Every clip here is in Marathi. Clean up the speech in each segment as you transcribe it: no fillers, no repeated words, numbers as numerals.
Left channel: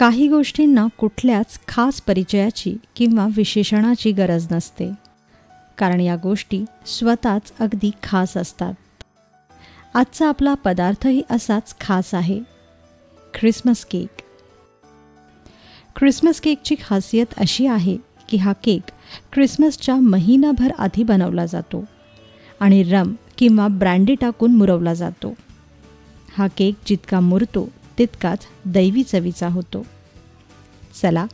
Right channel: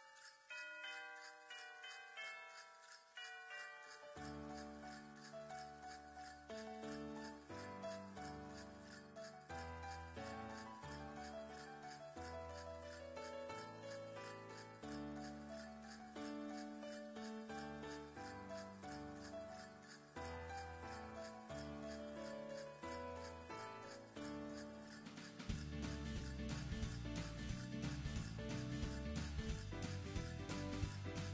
काही गोष्टींना कुठल्याच खास परिचयाची किंवा विशेषणाची गरज नसते, कारण या गोष्टी स्वतःच अगदी खास असतात. आजचा आपला पदार्थही असाच खास आहे, ख्रिसमस केक. ख्रिसमस केकची खासियत अशी आहे की हा केक ख्रिसमसच्या महिनाभर आधी बनवला जातो आणि रम किंवा ब्रँडी टाकून मुरवला जातो. हा केक जितका मुरतो तितकाच दैवी चवीचा होतो. चला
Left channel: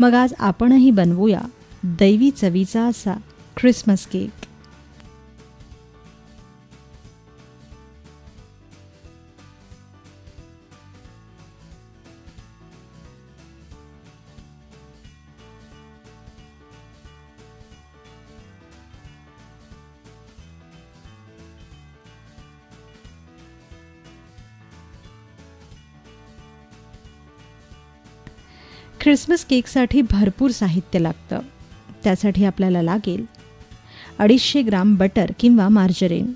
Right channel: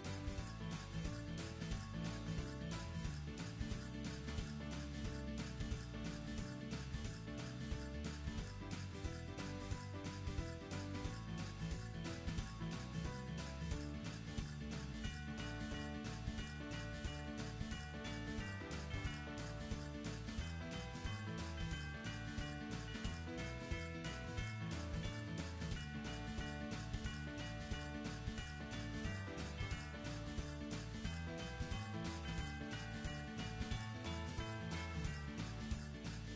मग आज आपणही बनवूया दैवी चवीचा असा ख्रिसमस केक. ख्रिसमस केकसाठी भरपूर साहित्य लागतं. त्यासाठी आपल्याला लागेल 250 ग्राम बटर किंवा मार्जरीन,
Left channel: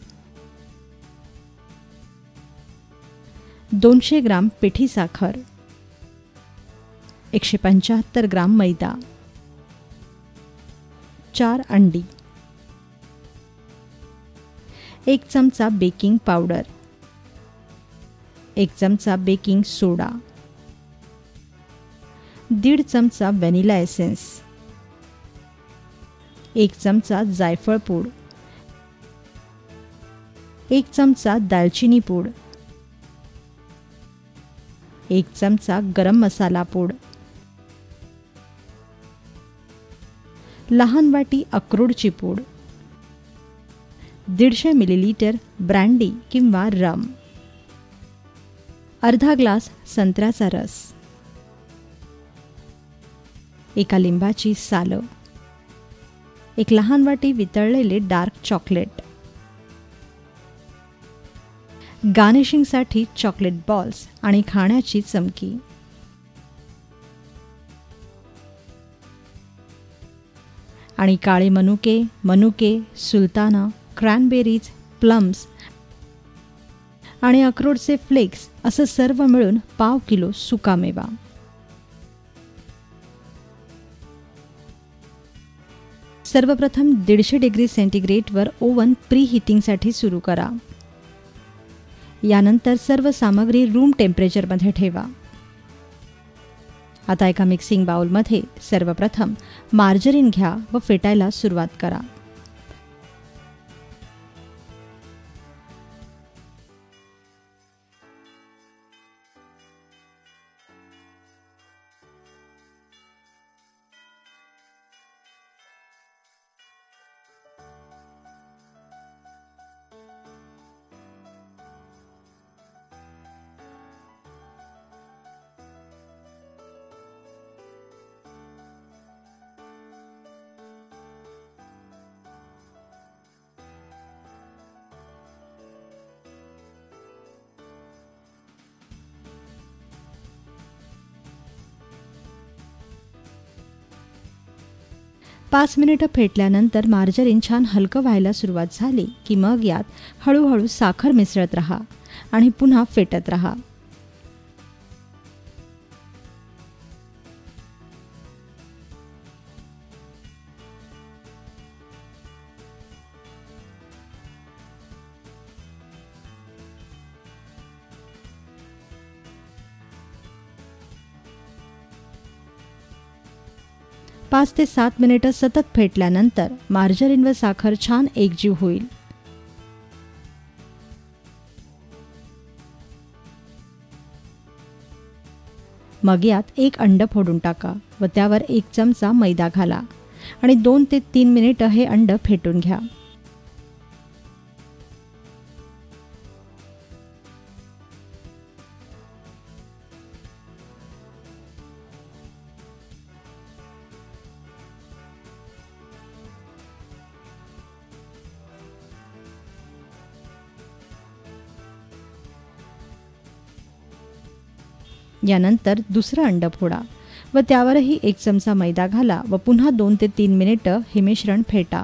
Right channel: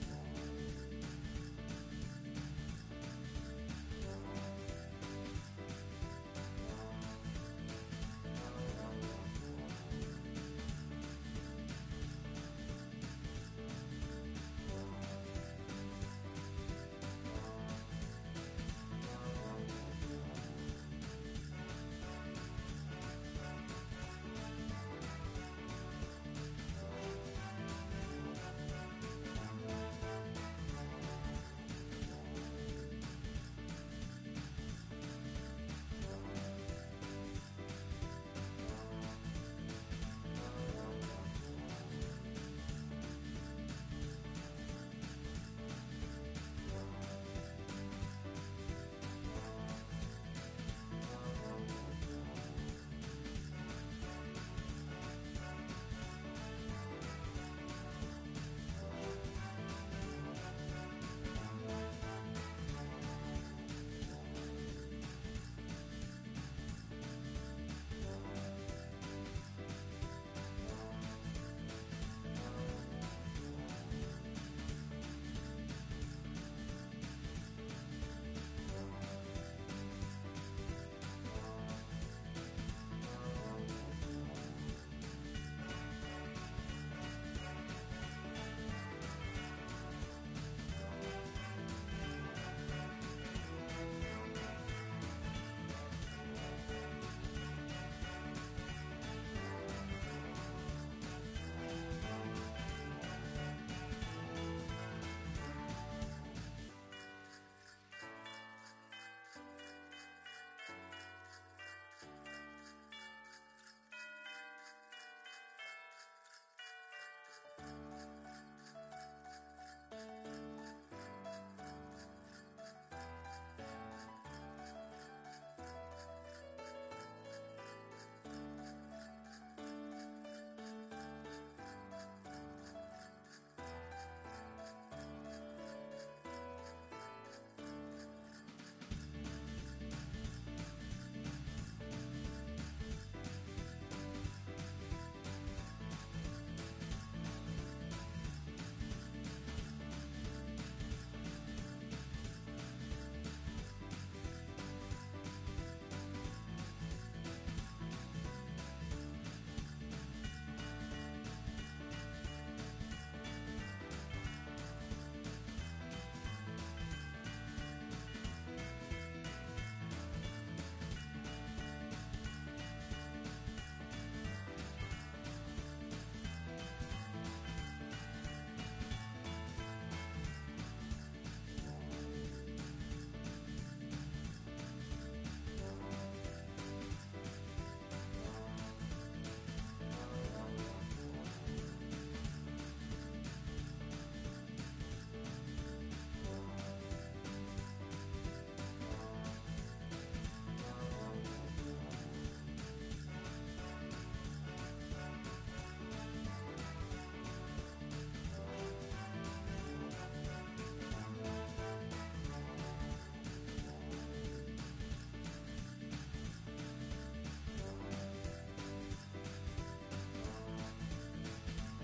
200 ग्राम पिठी साखर, 175 ग्राम मैदा, 4 अंडी, 1 चमचा बेकिंग पावडर, 1 चमचा बेकिंग सोडा, 1.5 चमचा व्हॅनिला एसेन्स, 1 चमचा जायफळ पूड, 1 चमचा दालचिनी पूड, 1 चमचा गरम मसाला पूड, लहान वाटी अक्रोडची पूड, 150 मिलीलीटर ब्रँडी किंवा रम, अर्धा ग्लास संत्र्याचा रस, 1 लिंबाची सालं, 1 लहान वाटी वितळलेले डार्क चॉकलेट, गार्निशिंगसाठी चॉकलेट बॉल्स आणि खाण्याची चमकी. आणि काळे मनुके, सुलताना, क्रॅनबेरीज, प्लम्स आणि अक्रोडचे फ्लेक्स असं सर्व मिळून 1/2 किलो सुकामेवा. सर्वप्रथम 150 डिग्री सेंटीग्रेडवर ओव्हन प्री हीटिंगसाठी सुरू करा. यानंतर सर्व सामग्री रूम टेम्परेचरमध्ये ठेवा. आता एका मिक्सिंग बाउलमध्ये सर्वप्रथम मार्जरीन घ्या व फेटायला सुरुवात करा. पाच मिनिटं फेटल्यानंतर मार्जरीन छान हलकं व्हायला सुरुवात झाली की मग यात हळूहळू साखर मिसळत राहा आणि पुन्हा फेटत राहा. पाच ते 7 मिनिटं सतत फेटल्यानंतर मार्जरीन व साखर छान एकजीव होईल. मग यात 1 अंड फोडून टाका व त्यावर 1 चमचा मैदा घाला आणि 2 ते 3 मिनिटं हे अंड फेटून घ्या. यानंतर दुसरं अंड फोडा व त्यावरही 1 चमचा मैदा घाला व पुन्हा 2 ते 3 मिनिटं हे मिश्रण फेटा.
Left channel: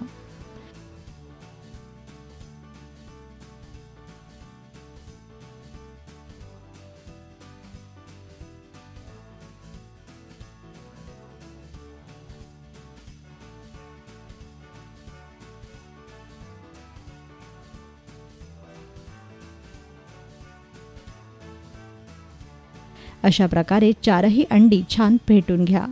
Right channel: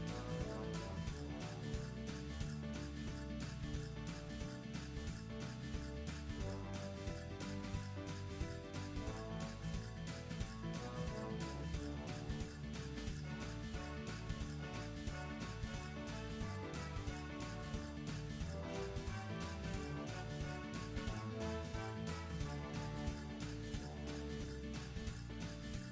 अशा प्रकारे 4ही अंडी छान फेटून घ्या.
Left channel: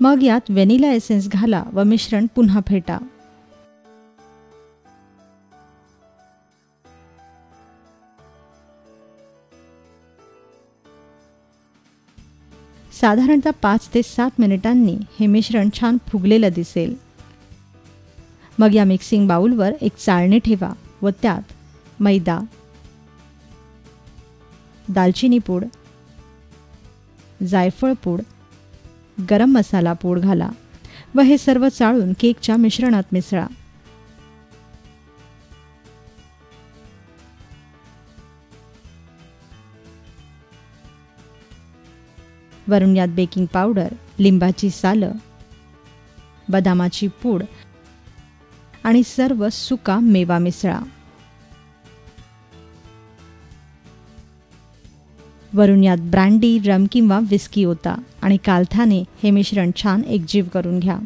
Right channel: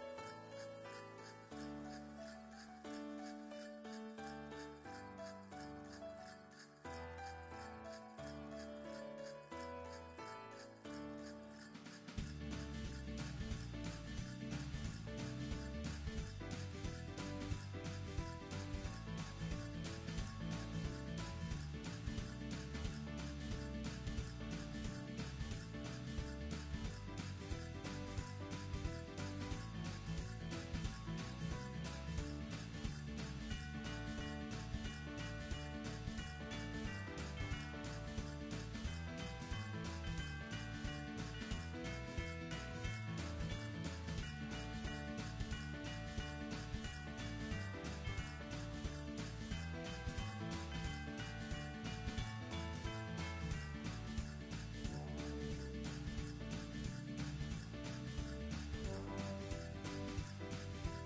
मग यात व्हॅनिला एसेन्स घाला व मिश्रण पुन्हा फेटा. साधारणतः 5 ते 7 मिनिटांनी हे मिश्रण छान फुगलेलं दिसेल. मग या मिक्सिंग बाउलवर एक चाळणी ठेवा व त्यात मैदा, दालचिनी पूड, जायफळ पूड, गरम मसाला पूड घाला व हे सर्व चाळून केकच्या मिश्रणात मिसळा. वरून यात बेकिंग पावडर, लिंबाची सालं, बदामाची पूड आणि सर्व सुका मेवा मिसळा. वरून यात ब्रँडी, रम किंवा विस्की ओता आणि कालथाने हे मिश्रण छान एकजीव करून घ्या.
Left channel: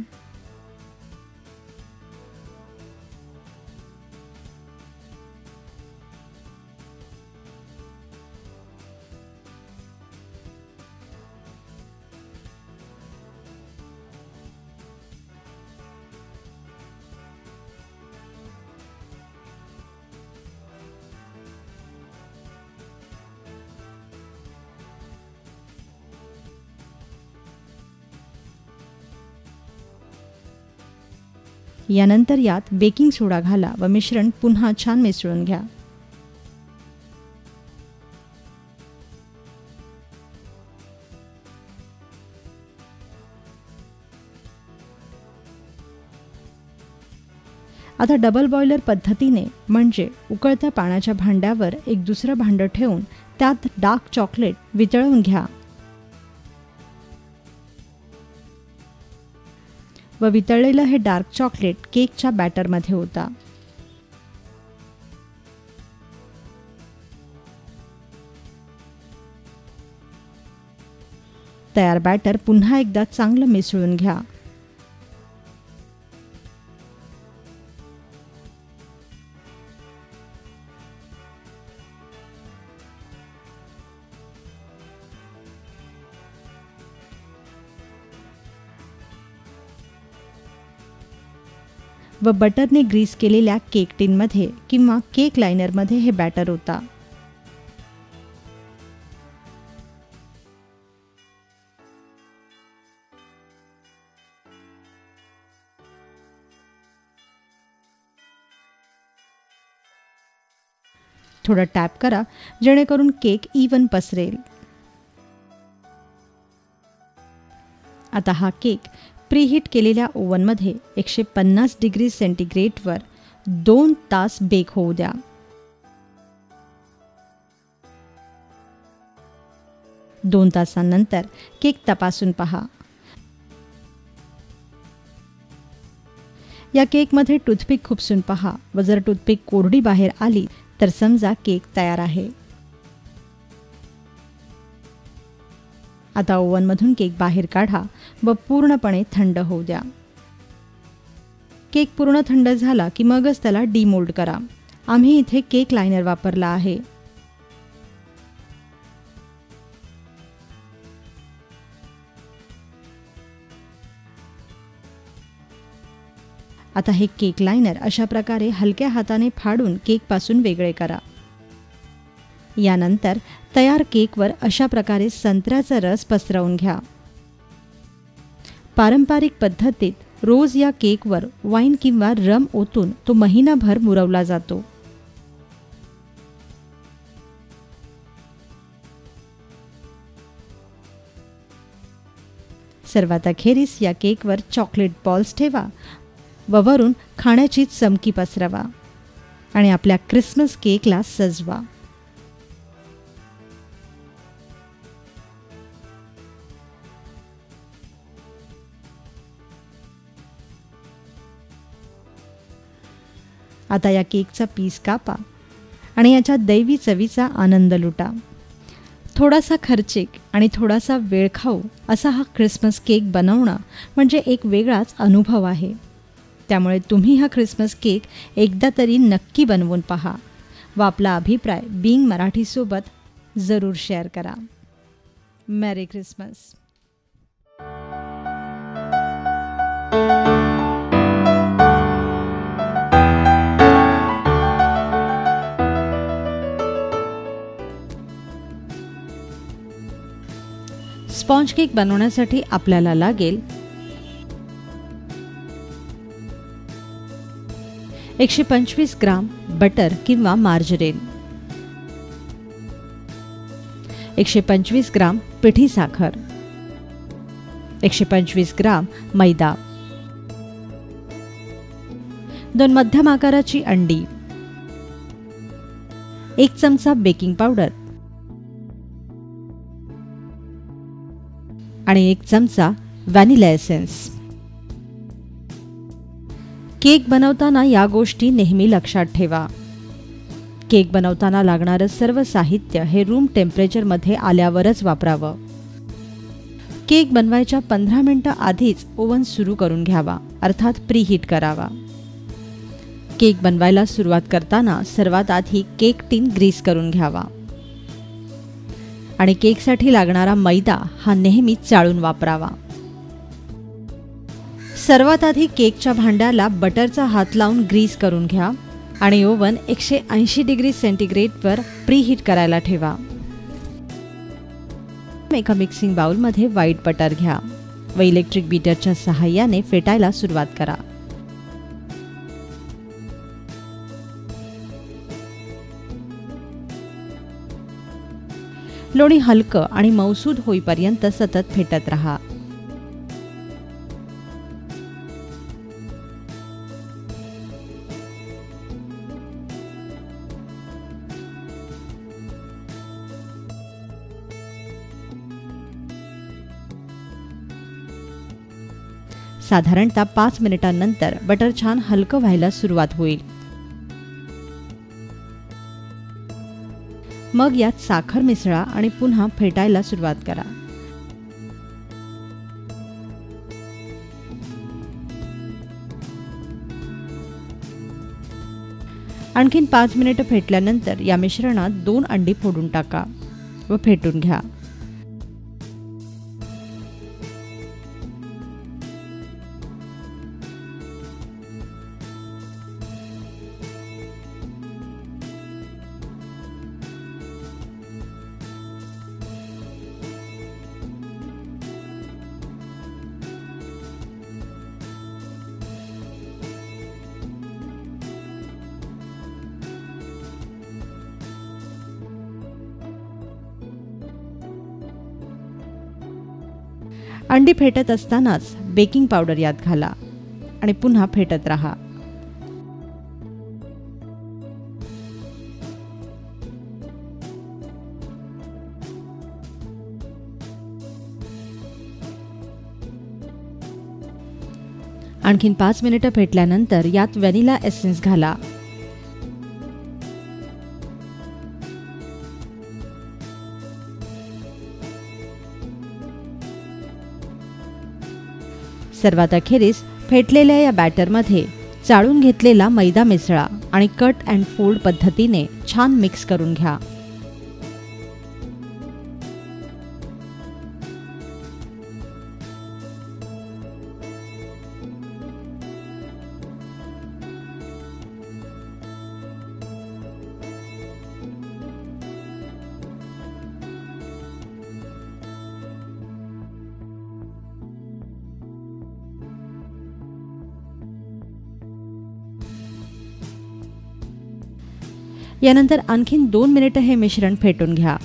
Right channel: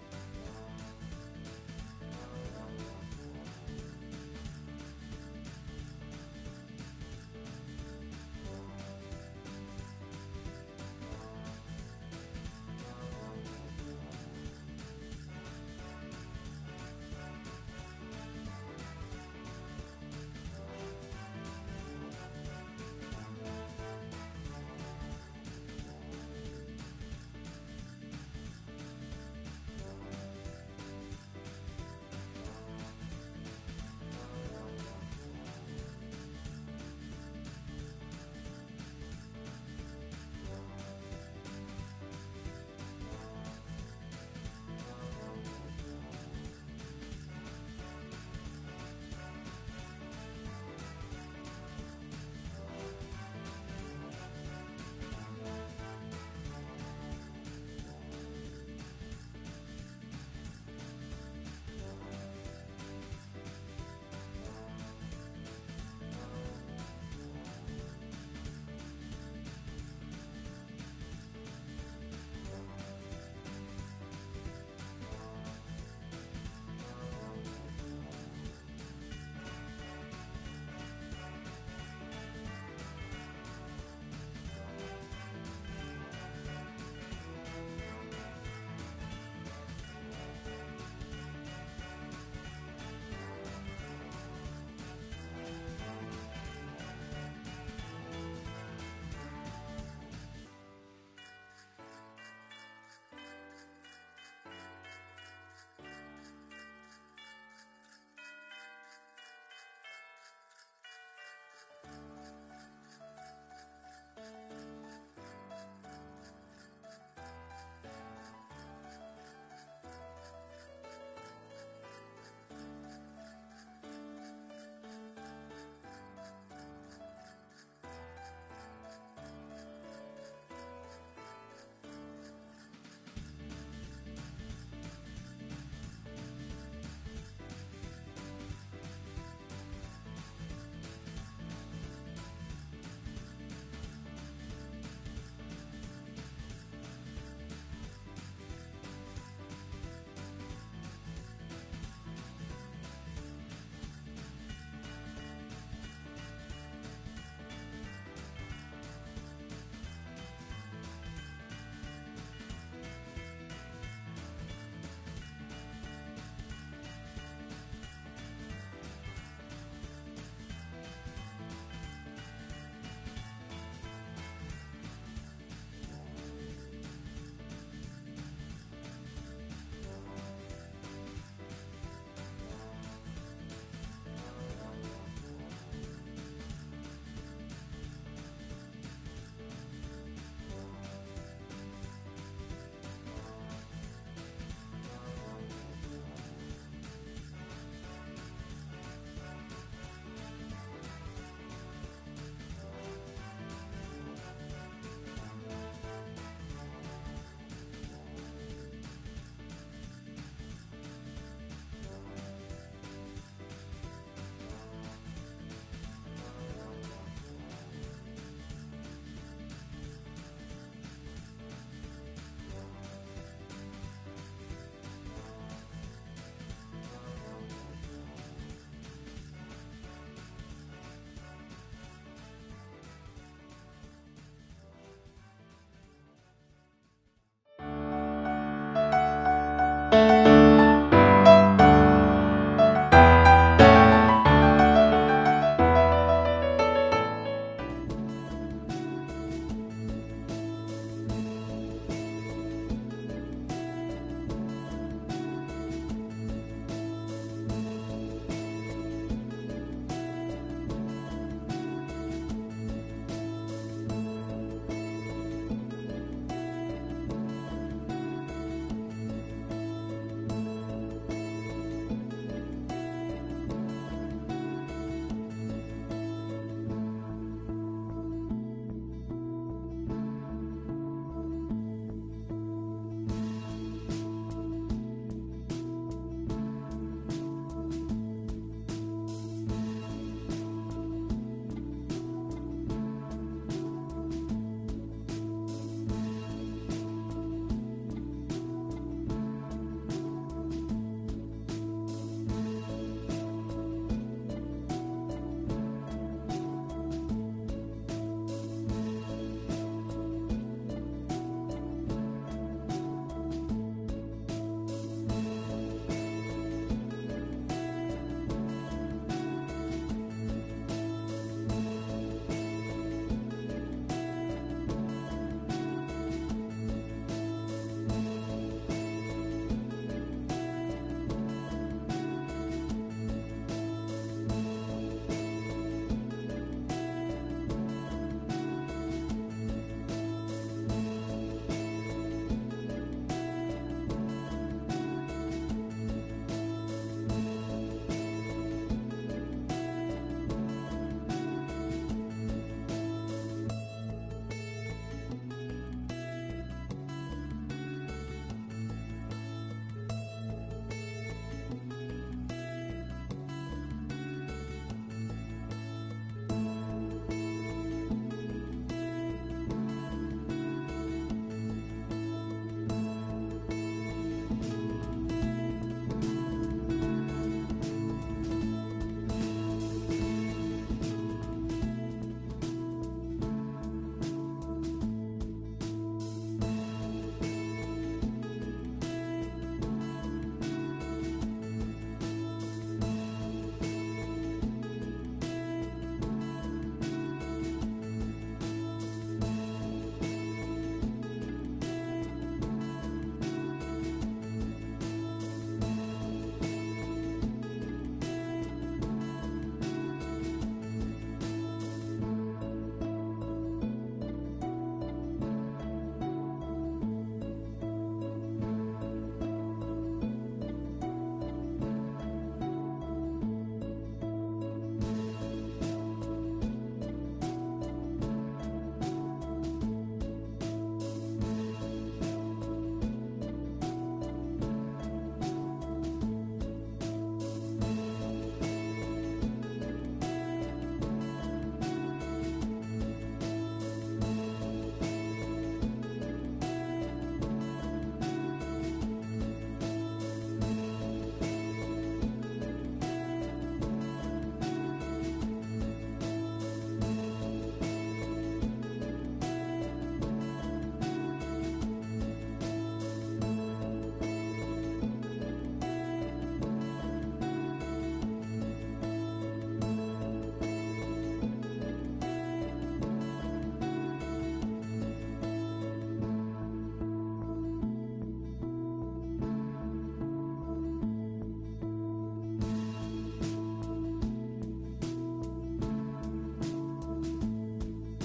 यानंतर यात बेकिंग सोडा घाला व मिश्रण पुन्हा छान मिसळून घ्या. आता डबल बॉयलर पद्धतीने म्हणजे उकळत्या पाण्याच्या भांड्यावर एक दुसरं भांडं ठेवून त्यात डार्क चॉकलेट वितळवून घ्या व वितळलेलं हे डार्क चॉकलेट केकच्या बॅटरमध्ये ओता. तयार बॅटर पुन्हा एकदा चांगलं मिसळून घ्या. व बटरने ग्रीस केलेल्या केक टिनमध्ये किंवा केक लाइनरमध्ये हे बॅटर ओता. थोडं टॅप करा जेणेकरून केक इवन पसरेल. आता हा केक प्रीहीट केलेल्या ओव्हनमध्ये 150 डिग्री सेंटीग्रेडवर 2 तास बेक होऊ द्या. दोन तासांनंतर केक तपासून पहा. या केकमध्ये टूथपिक खुपसून पहा व जर टूथपिक कोरडी बाहेर आली तर समजा केक तयार आहे. आता ओव्हनमधून केक बाहेर काढा व पूर्णपणे थंड होऊ द्या. केक पूर्ण थंड झाला की मगच त्याला डीमोल्ड करा. आम्ही इथे केक लाइनर वापरला आहे. आता हे केक लाइनर अशा प्रकारे हलक्या हाताने फाडून केकपासून वेगळे करा. यानंतर तयार केकवर अशा प्रकारे संत्र्याचा रस पसरवून घ्या. पारंपरिक पद्धतीत रोज या केकवर वाईन किंवा रम ओतून तो महिनाभर मुरवला जातो. सर्वात अखेरीस या केकवर चॉकलेट बॉल्स ठेवा व वरून खाण्याची चमकी पसरवा आणि आपल्या क्रिसमस केकला सजवा. आता या केकचा पीस कापा आणि याच्या दैवी चवीचा आनंद लुटा. थोडासा खर्चिक आणि थोडासा वेळखाऊ असा हा क्रिसमस केक बनवणं म्हणजे एक वेगळाच अनुभव आहे. त्यामुळे तुम्ही हा क्रिसमस केक एकदा तरी नक्की बनवून पहा व आपला अभिप्राय बीइंग मराठीसोबत जरूर शेअर करा. मॅरी क्रिसमस. स्पॉन्ज केक बनवण्यासाठी आपल्याला लागेल 125 ग्राम बटर किंवा मार्जरीन, 125 ग्राम पिठी साखर, 125 ग्राम मैदा, 2 मध्यम आकाराची अंडी, 1 चमचा बेकिंग पावडर आणि 1 चमचा व्हॅनिला एसेन्स. केक बनवताना या गोष्टी नेहमी लक्षात ठेवा. केक बनवताना लागणारं सर्व साहित्य हे रूम टेम्परेचरमध्ये आल्यावरच वापरावं. केक बनवायच्या 15 मिनिटं आधीच ओव्हन सुरू करून घ्यावा, अर्थात प्रीहीट करावा. केक बनवायला सुरुवात करताना सर्वात आधी केक टीन ग्रीस करून घ्यावा आणि केकसाठी लागणारा मैदा हा नेहमी चाळून वापरावा. सर्वात आधी केकच्या भांड्याला बटरचा हात लावून ग्रीस करून घ्या आणि ओव्हन 180 डिग्री सेंटीग्रेडवर प्रीहीट करायला ठेवा. एका मिक्सिंग बाउलमध्ये व्हाईट बटर घ्या व इलेक्ट्रिक बीटरच्या सहाय्याने फेटायला सुरुवात करा. लोणी हलकं आणि मऊसूद होईपर्यंत सतत फेटत रहा. साधारणतः 5 मिनिटांनंतर बटर छान हलकं व्हायला सुरुवात होईल. मग यात साखर मिसळा आणि पुन्हा फेटायला सुरुवात करा. आणखीन 5 मिनिटं फेटल्यानंतर या मिश्रणात 2 अंडी फोडून टाका व फेटून घ्या. अंडी फेटत असतानाच बेकिंग पावडर यात घाला आणि पुन्हा फेटत रहा. आणखीन 5 मिनिटं फेटल्यानंतर यात व्हॅनिला एसेन्स घाला. सर्वात अखेरीस फेटलेल्या या बॅटरमध्ये चाळून घेतलेला मैदा मिसळा आणि कट अँड फोल्ड पद्धतीने छान मिक्स करून घ्या. यानंतर आणखीन 2 मिनिटं हे मिश्रण फेटून घ्या.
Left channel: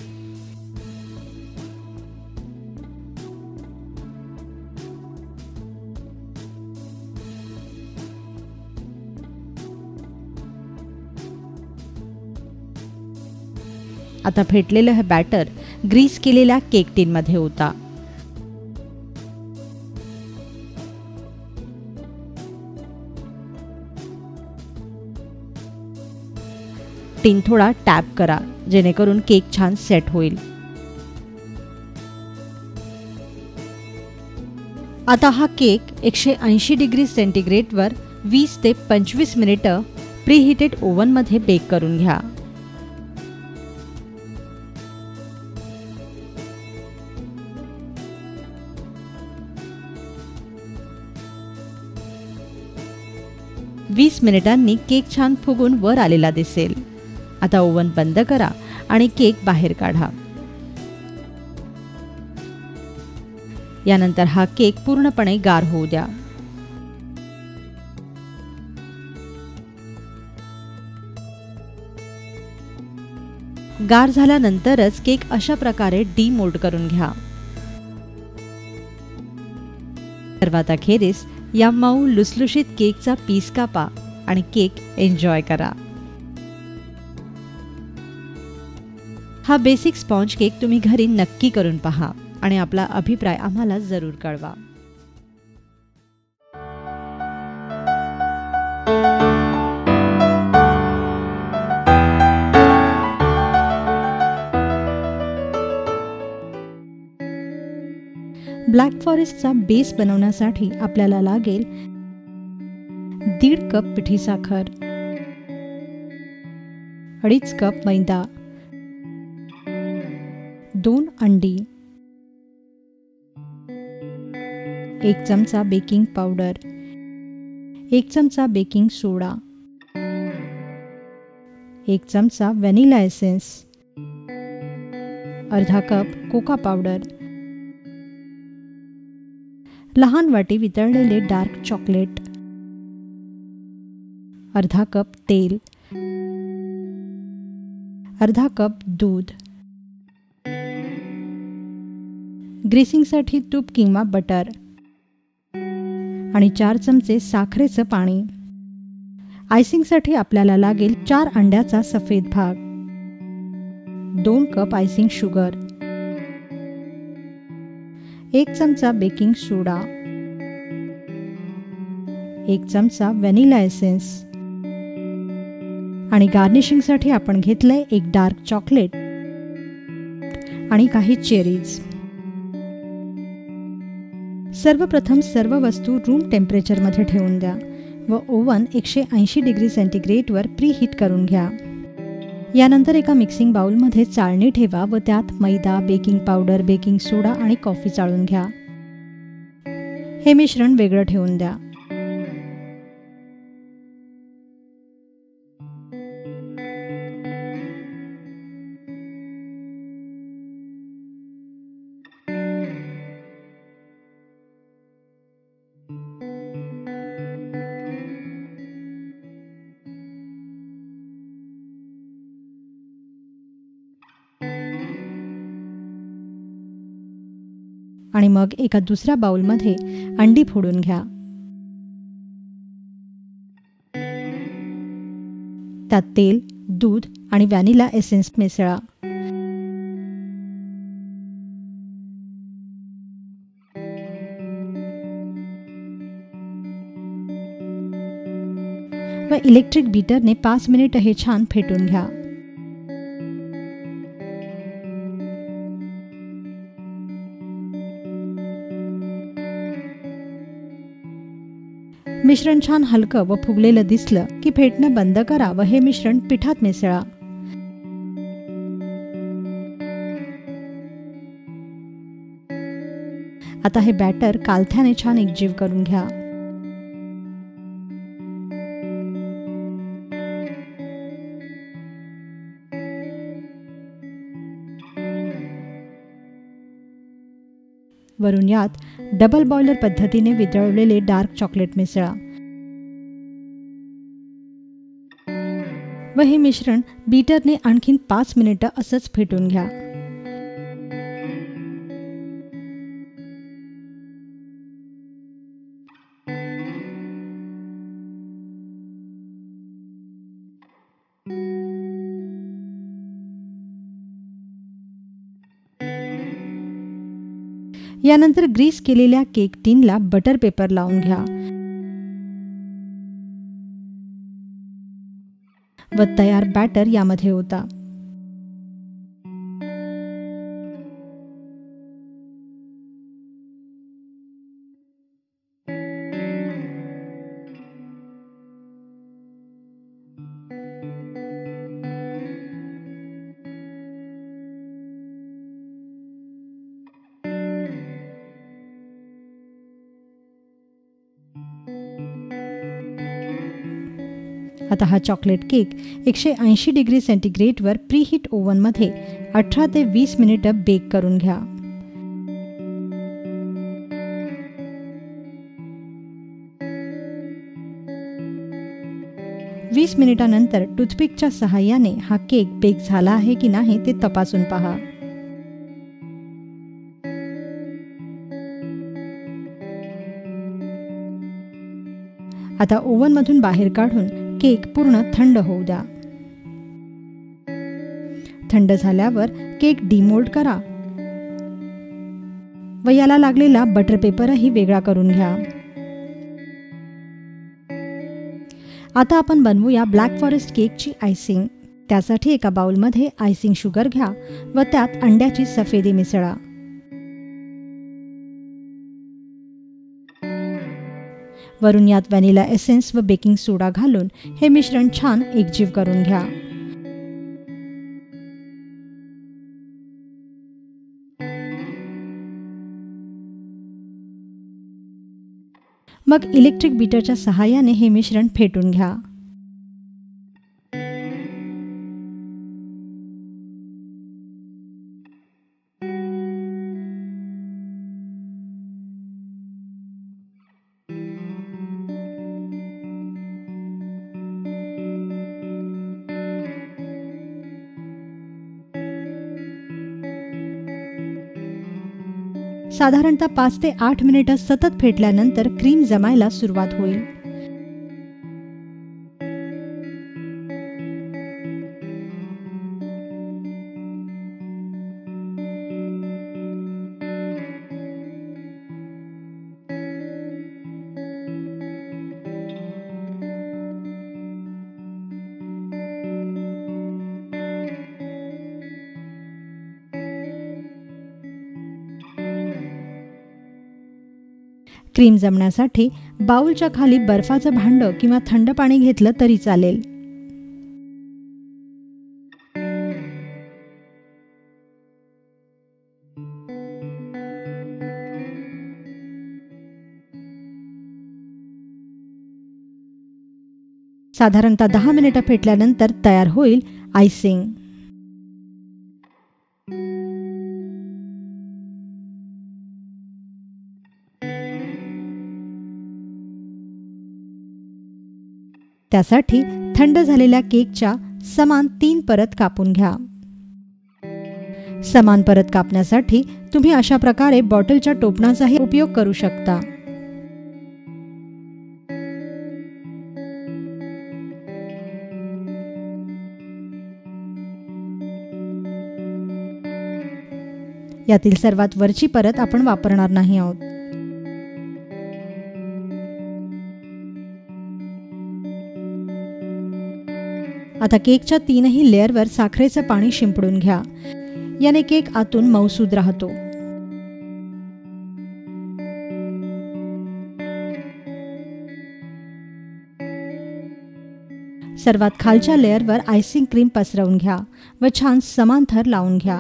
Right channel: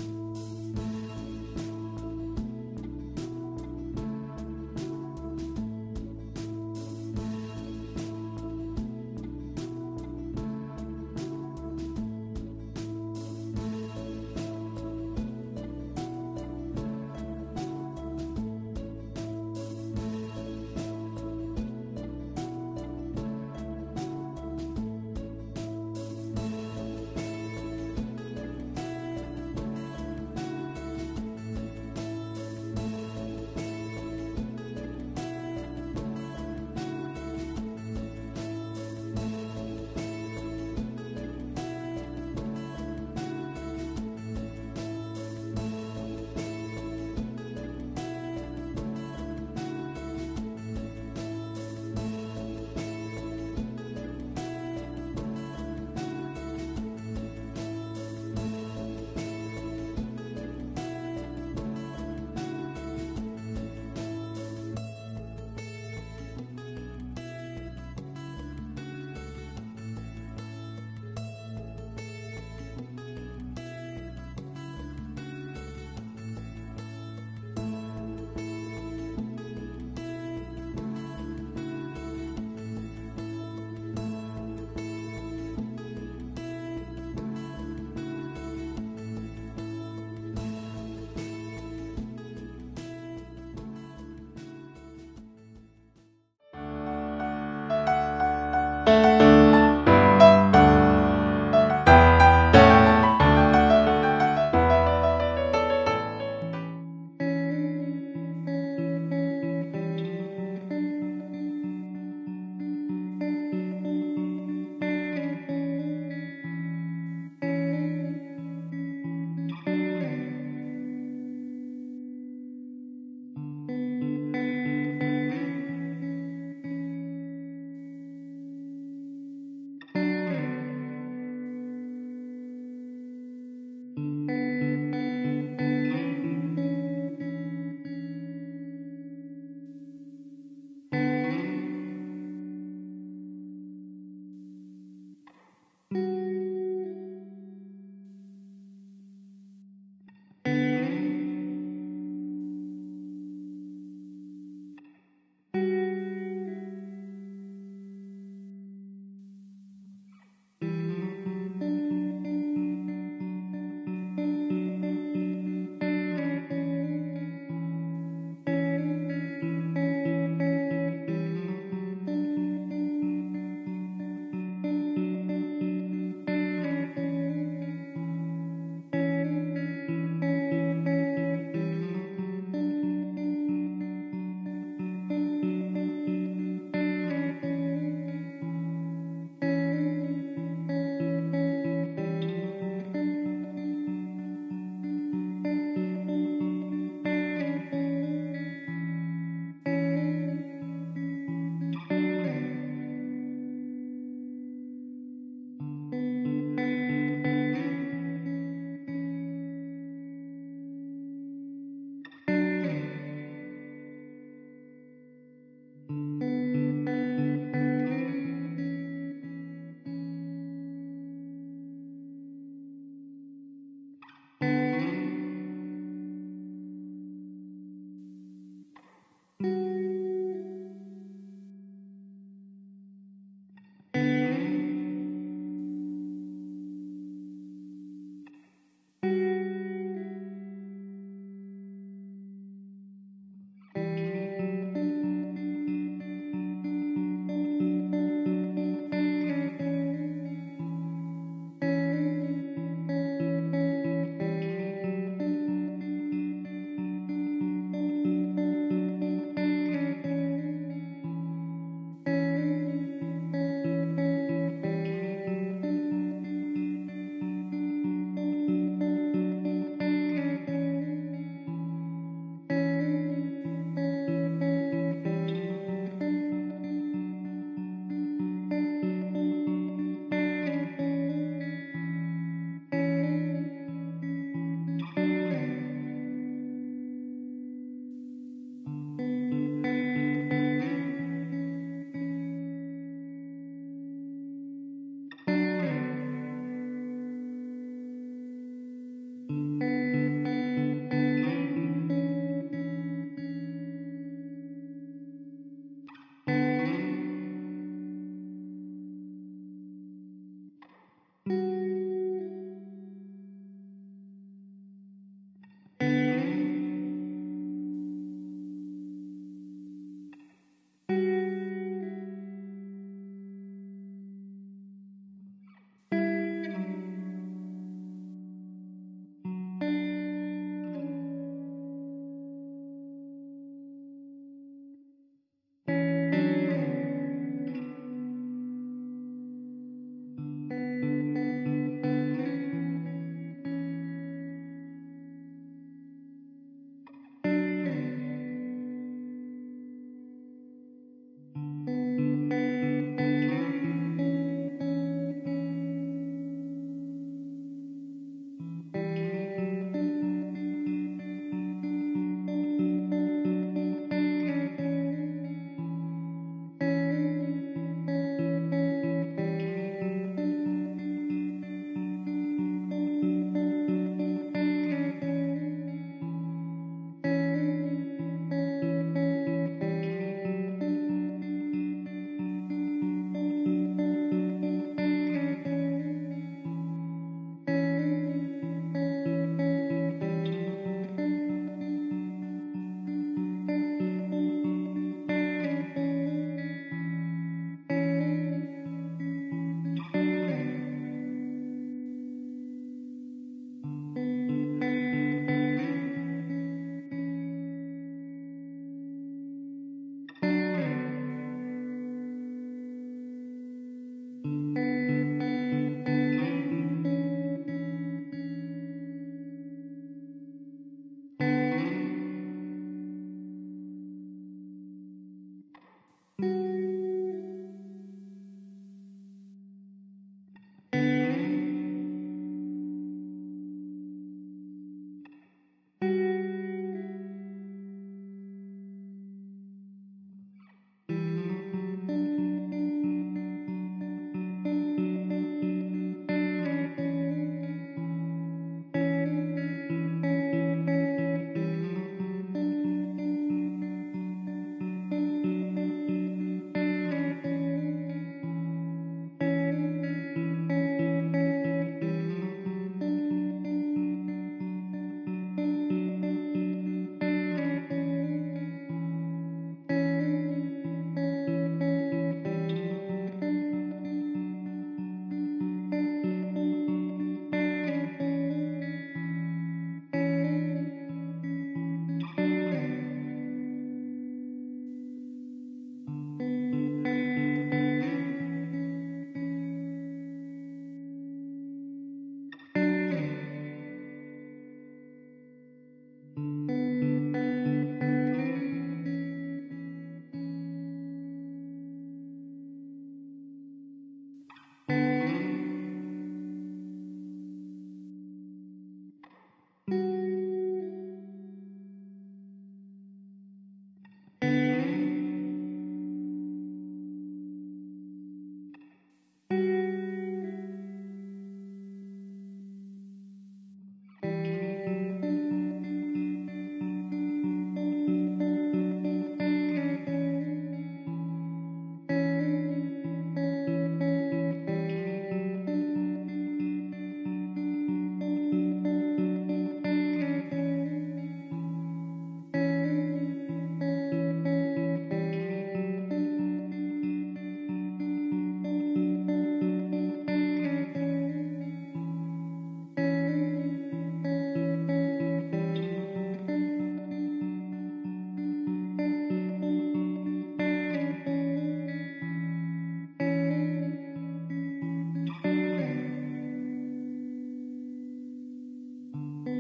आता फेटलेलं हे बॅटर ग्रीस केलेल्या केक टीनमध्ये ओता. टीन थोडा टॅप करा जेणेकरून केक छान सेट होईल. आता हा केक 180 डिग्री सेंटीग्रेडवर 20 ते 25 मिनिटं प्रीहीटेड ओव्हनमध्ये बेक करून घ्या. वीस मिनिटांनी केक छान फुगून वर आलेला दिसेल. आता ओव्हन बंद करा आणि केक बाहेर काढा. यानंतर हा केक पूर्णपणे गार होऊ द्या. गार झाल्यानंतरच केक अशा प्रकारे डीमोल्ड करून घ्या. सर्वात अखेरीस या मऊ लुसलुशीत केकचा पीस कापा आणि केक एन्जॉय करा. हा बेसिक स्पॉन्ज केक तुम्ही घरी नक्की करून पहा आणि आपला अभिप्राय आम्हाला जरूर कळवा. ब्लॅक फॉरेस्टचा बेस बनवण्यासाठी आपल्याला लागेल 1.5 कप पिठी साखर, 2.5 कप मैदा, 2 अंडी, 1 चमचा बेकिंग पावडर, 1 चमचा बेकिंग सोडा, 1 चमचा व्हॅनिला एसेन्स, अर्धा कप कोका पावडर, लहान वाटी वितळलेले डार्क चॉकलेट, अर्धा कप तेल, अर्धा कप दूध, ग्रीसिंगसाठी तूप किंवा बटर आणि 4 चमचे साखरेचं पाणी. आयसिंगसाठी आपल्याला लागेल 4 अंड्याचा सफेद भाग, 2 कप आयसिंग शुगर, 1 चमचा बेकिंग सोडा, 1 चमचा व्हॅनिला एसेन्स आणि गार्निशिंगसाठी आपण घेतलंय 1 डार्क चॉकलेट आणि काही चेरीज. सर्वप्रथम सर्व वस्तू रूम टेम्परेचरमध्ये ठेवून द्या व ओव्हन 180 डिग्री सेंटीग्रेडवर प्रीहीट करून घ्या. यानंतर एका मिक्सिंग बाउलमध्ये चाळणी ठेवा व त्यात मैदा, बेकिंग पावडर, बेकिंग सोडा आणि कॉफी चाळून घ्या. हे मिश्रण वेगळं ठेवून द्या. आणि मग एका दुसऱ्या बाउलमध्ये अंडी फोडून घ्या. त्यात तेल, दूध आणि व्हॅनिला एसेन्स मिसळा. व इलेक्ट्रिक बीटरने 5 मिनिट हे छान फेटून घ्या. मिश्रण छान हलकं व फुगलेलं दिसलं की फेटणं बंद करा व हे मिश्रण पिठात मिसळा. आता हे बॅटर कालथ्याने छान एकजीव करून घ्या. वरून यात डबल बॉयलर पद्धतीने वितळवलेले डार्क चॉकलेट मिसळा व व हे मिश्रण बीटरने आणखीन 5 मिनिटं असंच फेटून घ्या. यानंतर ग्रीस केलेल्या केक टिनला बटर पेपर लावून घ्या व तयार बॅटर यामध्ये ओता. आता हा चॉकलेट केक 180 डिग्री सेंटीग्रेडवर प्रीहीट ओव्हनमध्ये 18 ते 20 मिनिटं बेक करून घ्या. वीस मिनिटांनंतर टूथपिकच्या सहाय्याने हा केक बेक झाला आहे की नाही ते तपासून पहा. आता ओव्हनमधून बाहेर काढून केक पूर्ण थंड होऊ द्या. थंड झाल्यावर केक डिमोल्ड करा व याला लागलेला बटर पेपरही वेगळा करून घ्या. आता आपण बनवूया ब्लॅक फॉरेस्ट केकची आयसिंग. त्यासाठी एका बाउलमध्ये आयसिंग शुगर घ्या व त्यात अंड्याची सफेदी मिसळा. वरून यात व्हॅनिला एसेन्स व बेकिंग सोडा घालून हे मिश्रण छान एकजीव करून घ्या. मग इलेक्ट्रिक बीटरच्या सहाय्याने हे मिश्रण फेटून घ्या. साधारणतः 5 ते 8 मिनिटं सतत फेटल्यानंतर क्रीम जमायला सुरुवात होईल. क्रीम जमण्यासाठी बाउलच्या खाली बर्फाचं भांडं किंवा थंड पाणी घेतलं तरी चालेल. साधारणतः 10 मिनिटं फेटल्यानंतर तयार होईल आयसिंग. त्यासाठी थंड झालेल्या केकच्या समान 3 परत कापून घ्या. समान परत कापण्यासाठी तुम्ही अशा प्रकारे बॉटलच्या टोपणाचाही उपयोग करू शकता. यातील सर्वात वरची परत आपण वापरणार नाही आहोत. आता केकच्या 3ही लेअरवर साखरेचं पाणी शिंपडून घ्या. याने केक आतून मऊसूद राहतो. सर्वात खालच्या लेअरवर आयसिंग क्रीम पसरवून घ्या व छान समान थर लावून घ्या.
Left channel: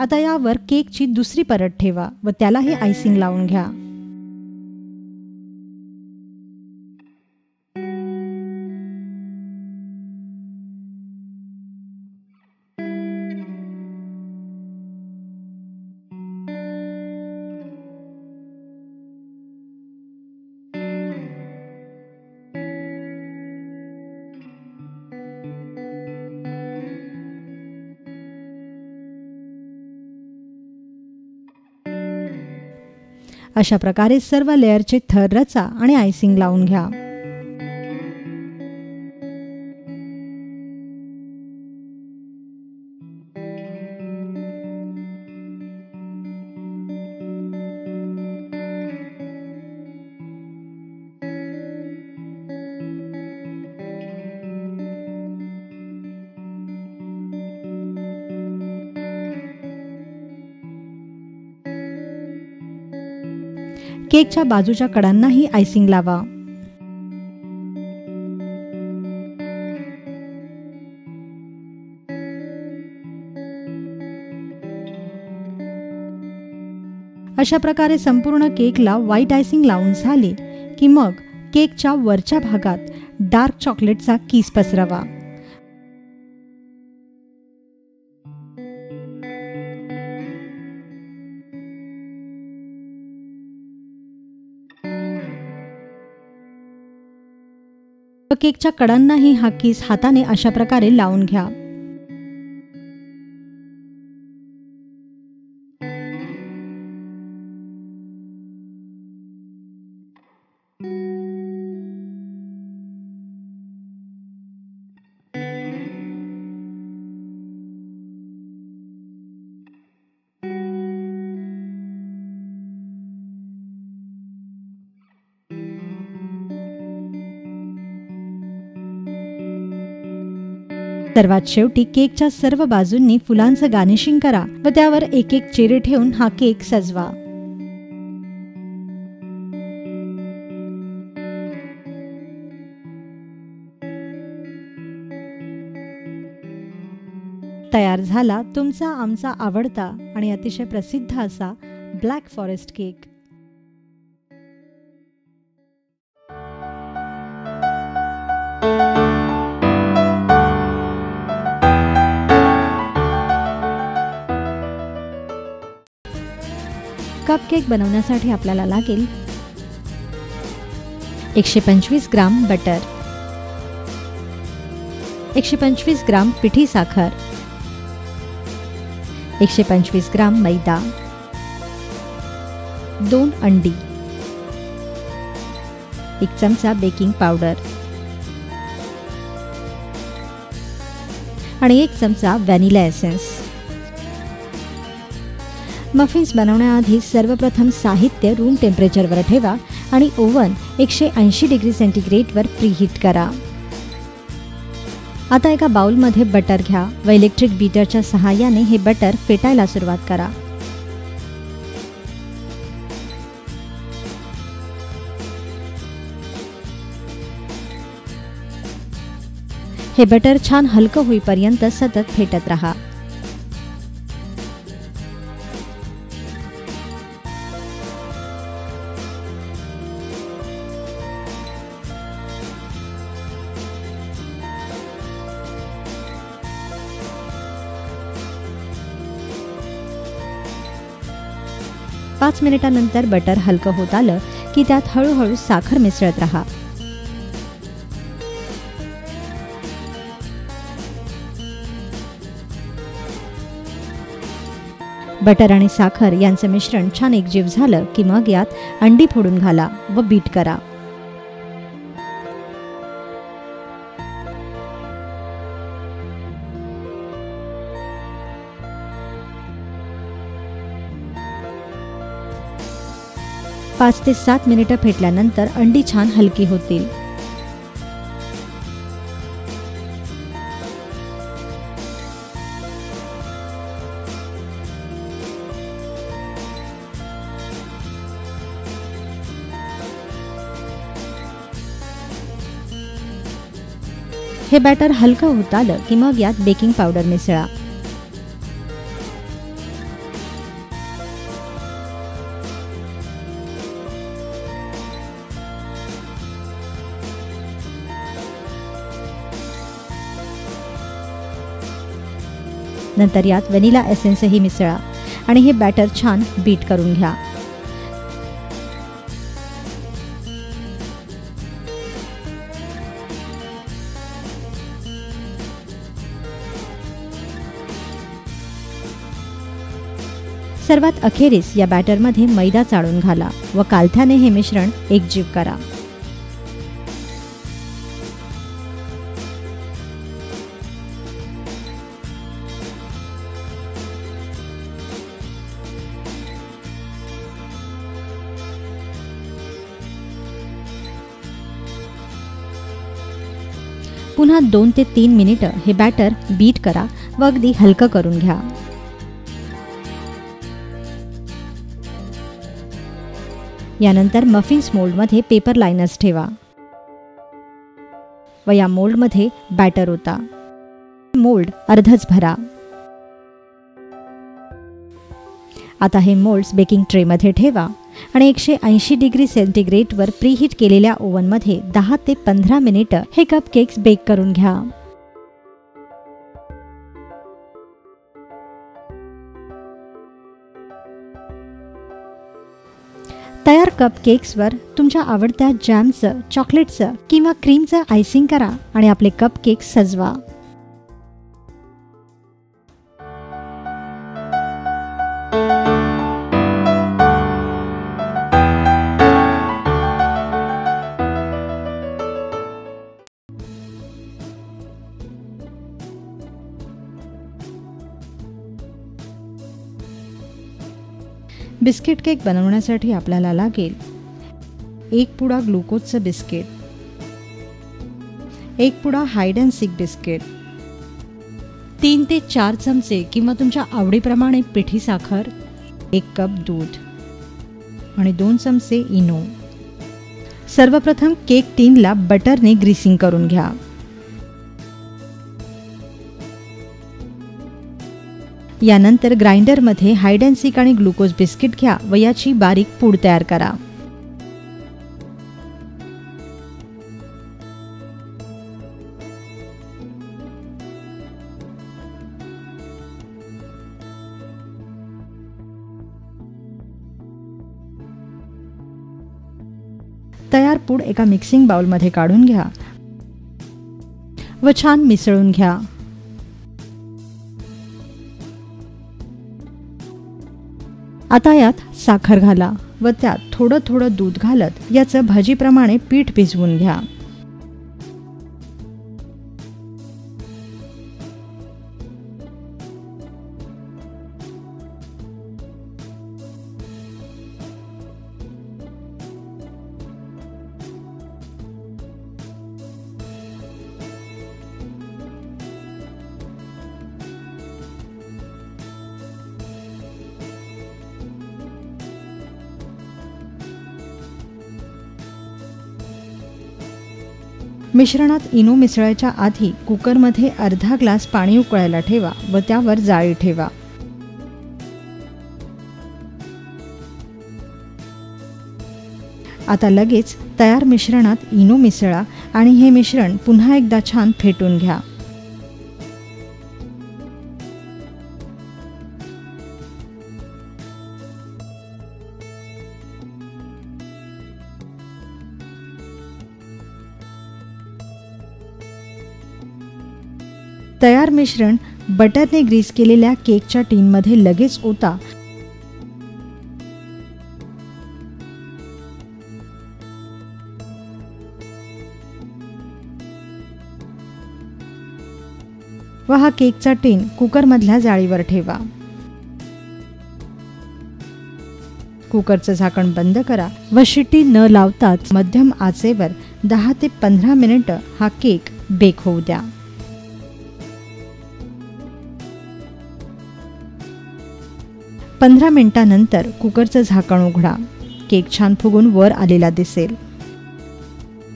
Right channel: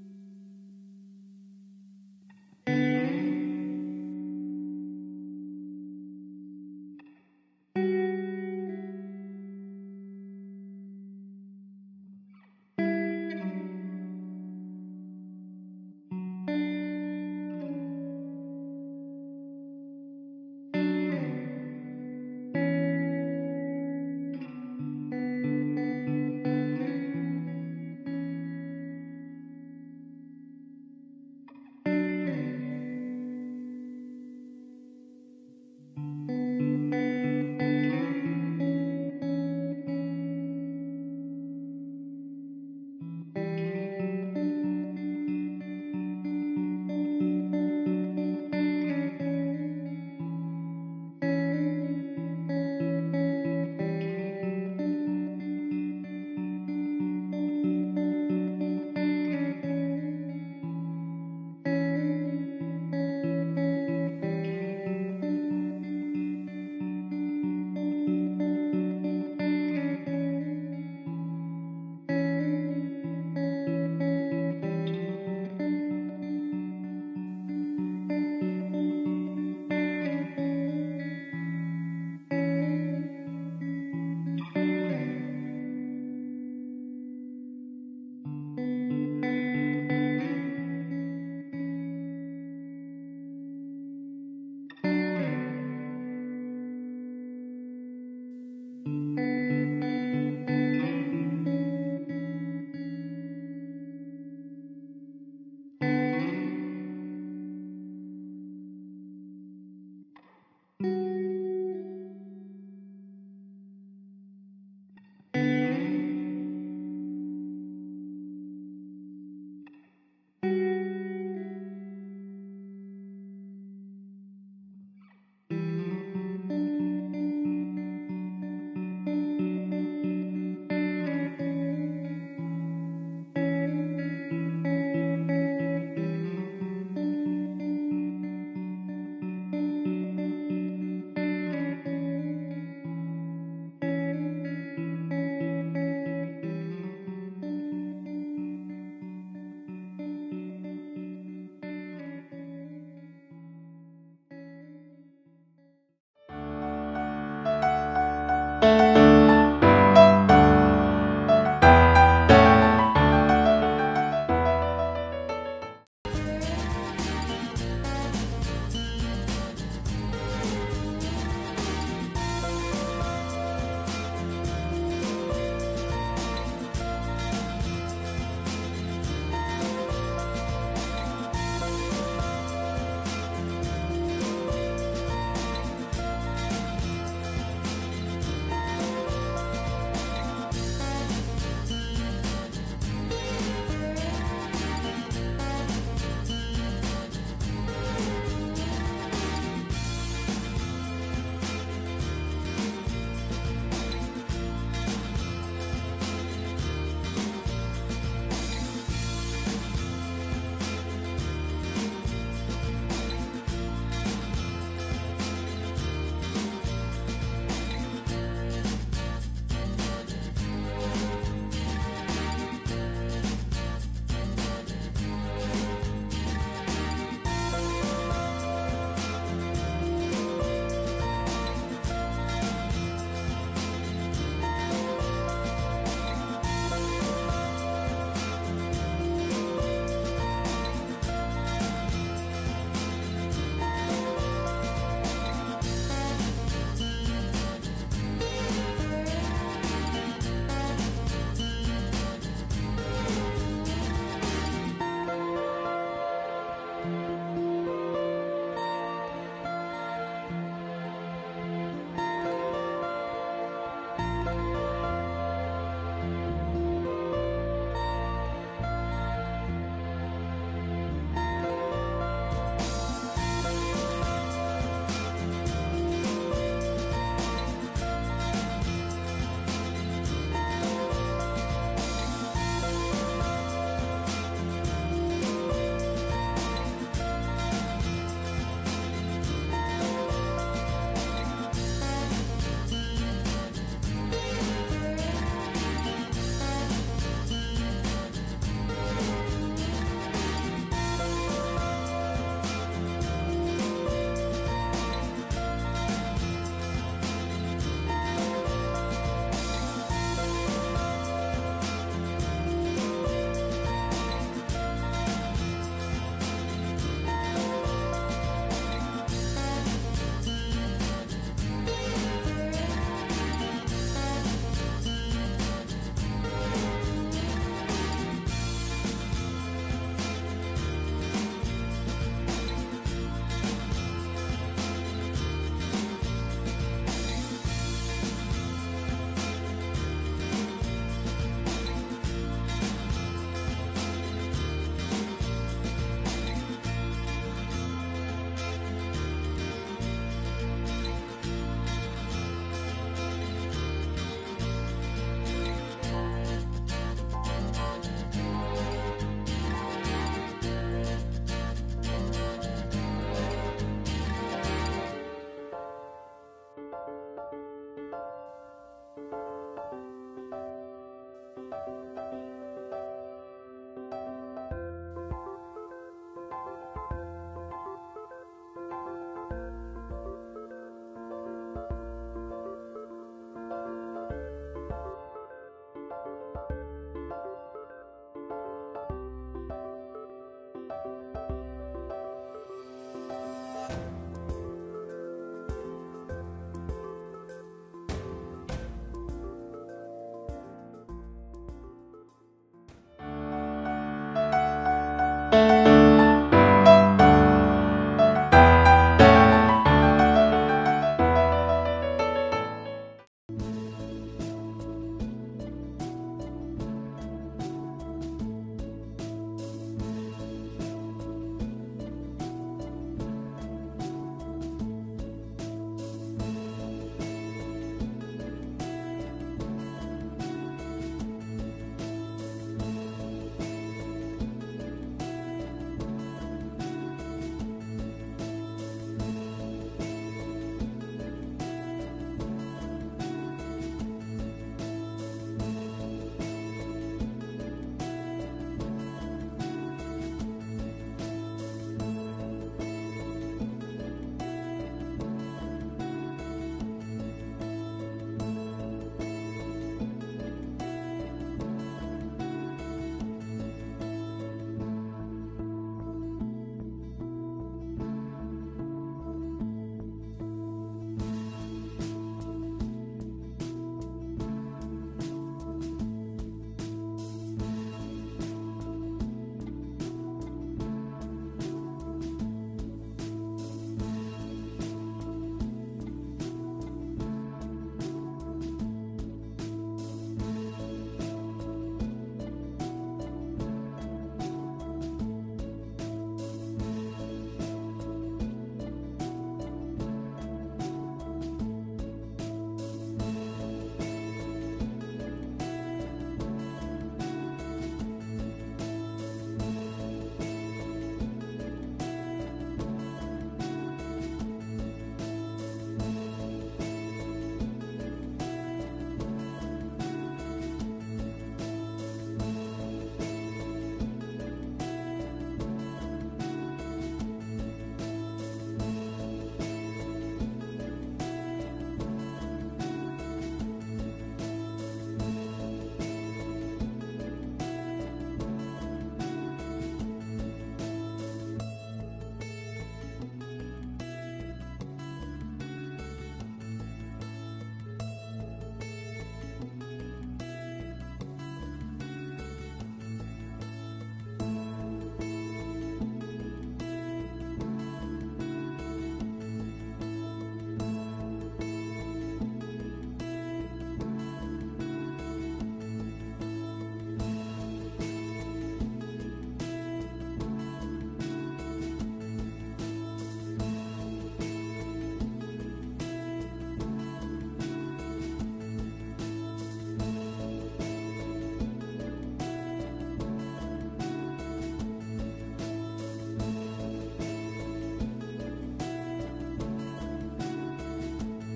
आता यावर केकची दुसरी परत ठेवा व त्यालाही आयसिंग लावून घ्या. अशा प्रकारे सर्व लेअरचे थर रचा आणि आयसिंग लावून घ्या. केकच्या बाजूच्या कडांनाही आयसिंग लावा. अशा प्रकारे संपूर्ण केकला व्हाईट आयसिंग लावून झाले की मग केकच्या वरच्या भागात डार्क चॉकलेटचा किस पसरवा. केकच्या कडांनाही हा किस हाताने अशा प्रकारे लावून घ्या. सर्वात शेवटी केकच्या सर्व बाजूंनी फुलांचं गार्निशिंग करा व त्यावर एक एक चेरी ठेवून हा केक सजवा. तयार झाला तुमचा आमचा आवडता आणि अतिशय प्रसिद्ध असा black forest cake. Cup cake बनवण्यासाठी आपल्याला लागेल 125 ग्राम बटर, 125 ग्राम पिठी साखर, 125 ग्राम मैदा, 2 अंडी, 1 चमचा बेकिंग पावडर आणि 1 चमचा व्हॅनिला एसेन्स. मफिन्स बनवण्याआधी सर्वप्रथम साहित्य रूम टेम्परेचरवर ठेवा आणि ओव्हन 180 डिग्री सेंटीग्रेडवर प्रीहीट करा. आता एका बाउलमध्ये बटर घ्या व इलेक्ट्रिक बीटरच्या सहाय्याने हे बटर फेटायला सुरुवात करा. हे बटर छान हलकं होईपर्यंत सतत फेटत रहा. पाच मिनिटांनंतर बटर हलकं होत आलं की त्यात हळूहळू साखर मिसळत रहा. बटर आणि साखर यांचं मिश्रण छान एकजीव झालं की मग यात अंडी फोडून घाला व बीट करा. पाच ते 7 मिनिटं फेटल्यानंतर अंडी छान हलकी होतील. हे बॅटर हलकं होत आलं की मग यात बेकिंग पावडर मिसळा. नंतर यात व्हॅनिला एसेन्सही मिसळा आणि हे बॅटर छान बीट करून घ्या. सर्वात अखेरीस या बॅटरमध्ये मैदा चाळून घाला व कालथ्याने हे मिश्रण एकजीव करा. पुन्हा 2 ते 3 मिनिटं हे बॅटर बीट करा व अगदी हलकं करून घ्या. यानंतर मफिन्स मोल्डमध्ये पेपर लाइनर्स ठेवा व या मोल्डमध्ये बॅटर ओता. मोल्ड अर्धच भरा. आता हे मोल्ड्स बेकिंग ट्रेमध्ये ठेवा आणि 180 डिग्री सेंटीग्रेडवर प्रीहीट केलेल्या ओव्हनमध्ये 10 ते 15 मिनिटं हे कपकेक्स बेक करून घ्या. तयार कपकेक्सवर तुमच्या आवडत्या जॅमचं, चॉकलेटचं किंवा क्रीमचं आयसिंग करा आणि आपले कपकेक्स सजवा. बिस्किट केक बनवण्यासाठी आपल्याला लागेल 1 पुडा ग्लुकोजचं बिस्किट, 1 पुडा हाइड अँड सीक बिस्किट, 3 ते 4 चमचे किंवा तुमच्या आवडीप्रमाणे पिठी साखर, 1 कप दूध आणि 2 चमचे इनो. सर्वप्रथम केक टीनला बटरने ग्रीसिंग करून घ्या. यानंतर ग्राइंडरमध्ये हाइड अँड सीक आणि ग्लुकोज बिस्किट घ्या व याची बारीक पूड तयार करा. तयार पूड एका मिक्सिंग बाउलमध्ये काढून घ्या व छान मिसळून घ्या. आता यात साखर घाला व त्यात थोडं थोडं दूध घालत याचं भाजीप्रमाणे पीठ भिजवून घ्या. मिश्रणात इनो मिसळायच्या आधी कुकरमध्ये अर्धा ग्लास पाणी उकळायला ठेवा व त्यावर जाळी ठेवा. आता लगेच तयार मिश्रणात इनो मिसळा आणि हे मिश्रण पुन्हा एकदा छान फेटून घ्या. तयार मिश्रण बटरने ग्रीस केलेल्या केकच्या टीनमध्ये लगेच ओता. व हा केकचा टीन कुकरमधल्या जाळीवर ठेवा. कुकरचं झाकण बंद करा व शिट्टी न लावताच मध्यम आचेवर 10 ते 15 मिनिटं हा केक बेक होऊ द्या. 15 मिनिटांनंतर कुकरचं झाकण उघडा. केक छान फुगून वर आलेला दिसेल.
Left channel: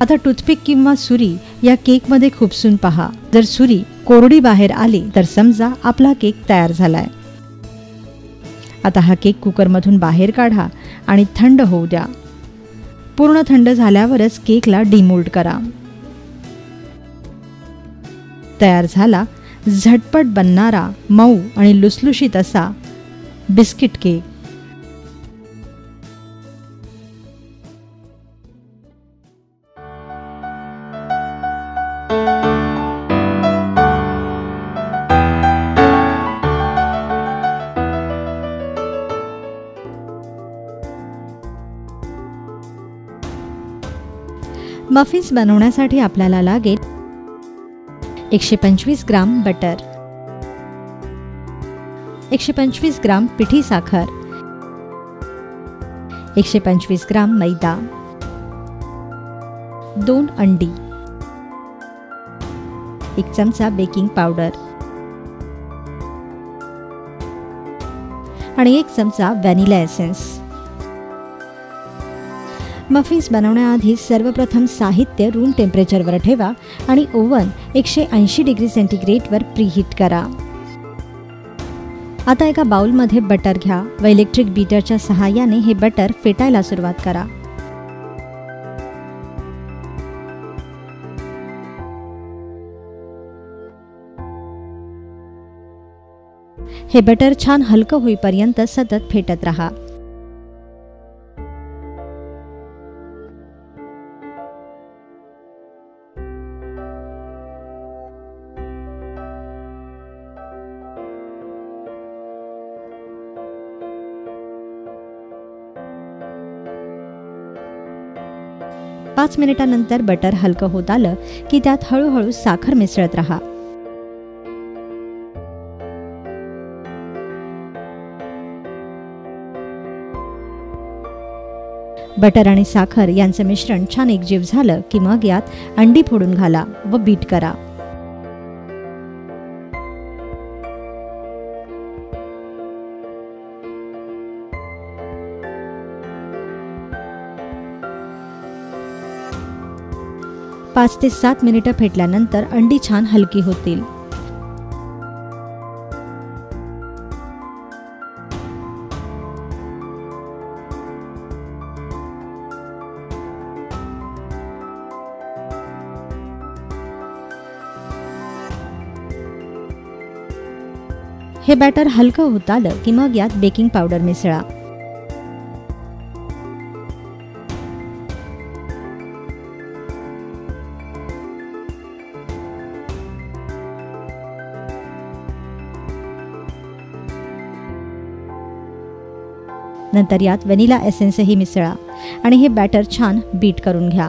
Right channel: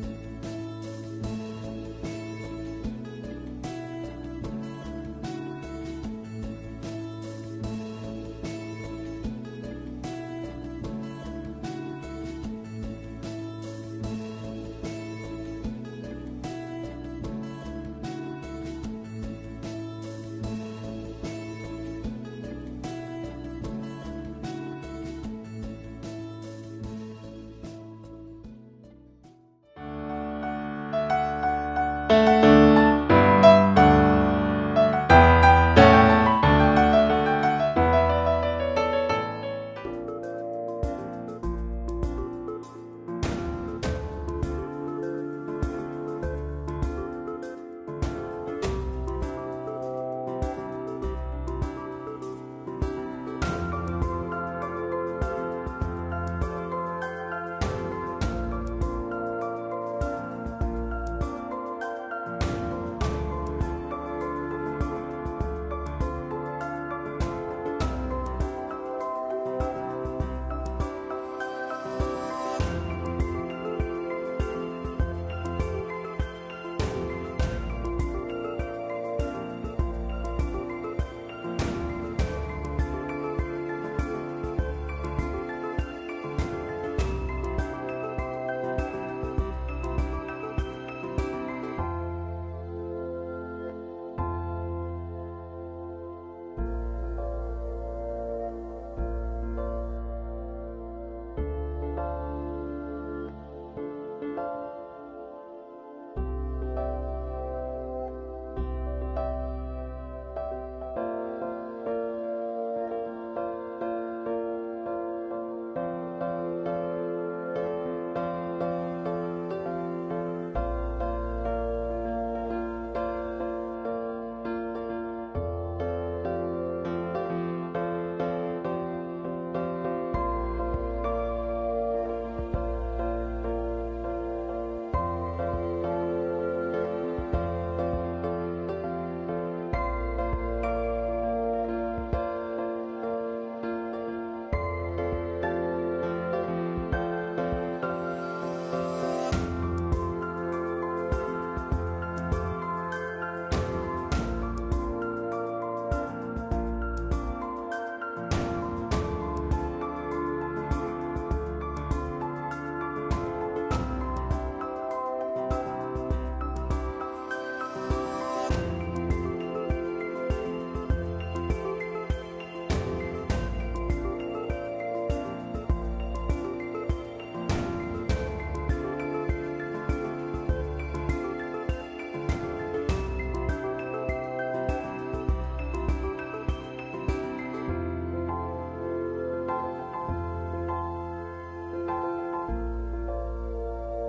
आता टूथपिक किंवा सुरी या केकमध्ये खुपसून पहा. जर सुरी कोरडी बाहेर आली तर समजा आपला केक तयार झालाय. आता हा केक कुकरमधून बाहेर काढा आणि थंड होऊ द्या. पूर्ण थंड झाल्यावरच केकला डिमोल्ड करा. तयार झाला झटपट बनणारा मऊ आणि लुसलुशीत असा बिस्किट केक. मफिन्स बनवण्यासाठी आपल्याला लागेल 125 ग्राम बटर, 125 ग्राम पिठी साखर, 125 ग्राम मैदा, 2 अंडी, 1 चमचा बेकिंग पावडर आणि 1 चमचा व्हॅनिला एसेन्स. मफिन्स बनवण्याआधी सर्वप्रथम साहित्य रूम टेम्परेचरवर ठेवा आणि ओव्हन 180 डिग्री सेंटीग्रेडवर प्रीहीट करा. आता एका बाउलमध्ये बटर घ्या व इलेक्ट्रिक बीटरच्या सहाय्याने हे बटर फेटायला सुरुवात करा. हे बटर छान हलकं होईपर्यंत सतत फेटत राहा. पाच मिनिटांनंतर बटर हलकं होत आलं की त्यात हळूहळू साखर मिसळत राहा. बटर आणि साखर यांचं मिश्रण छान एकजीव झालं की मग यात अंडी फोडून घाला व बीट करा. पाच ते 7 मिनिटं फेटल्यानंतर अंडी छान हलकी होतील. हे बॅटर हलकं होत आलं की मग यात बेकिंग पावडर मिसळा. नंतर यात व्हॅनिला एसेन्सही मिसळा आणि हे बॅटर छान बीट करून घ्या.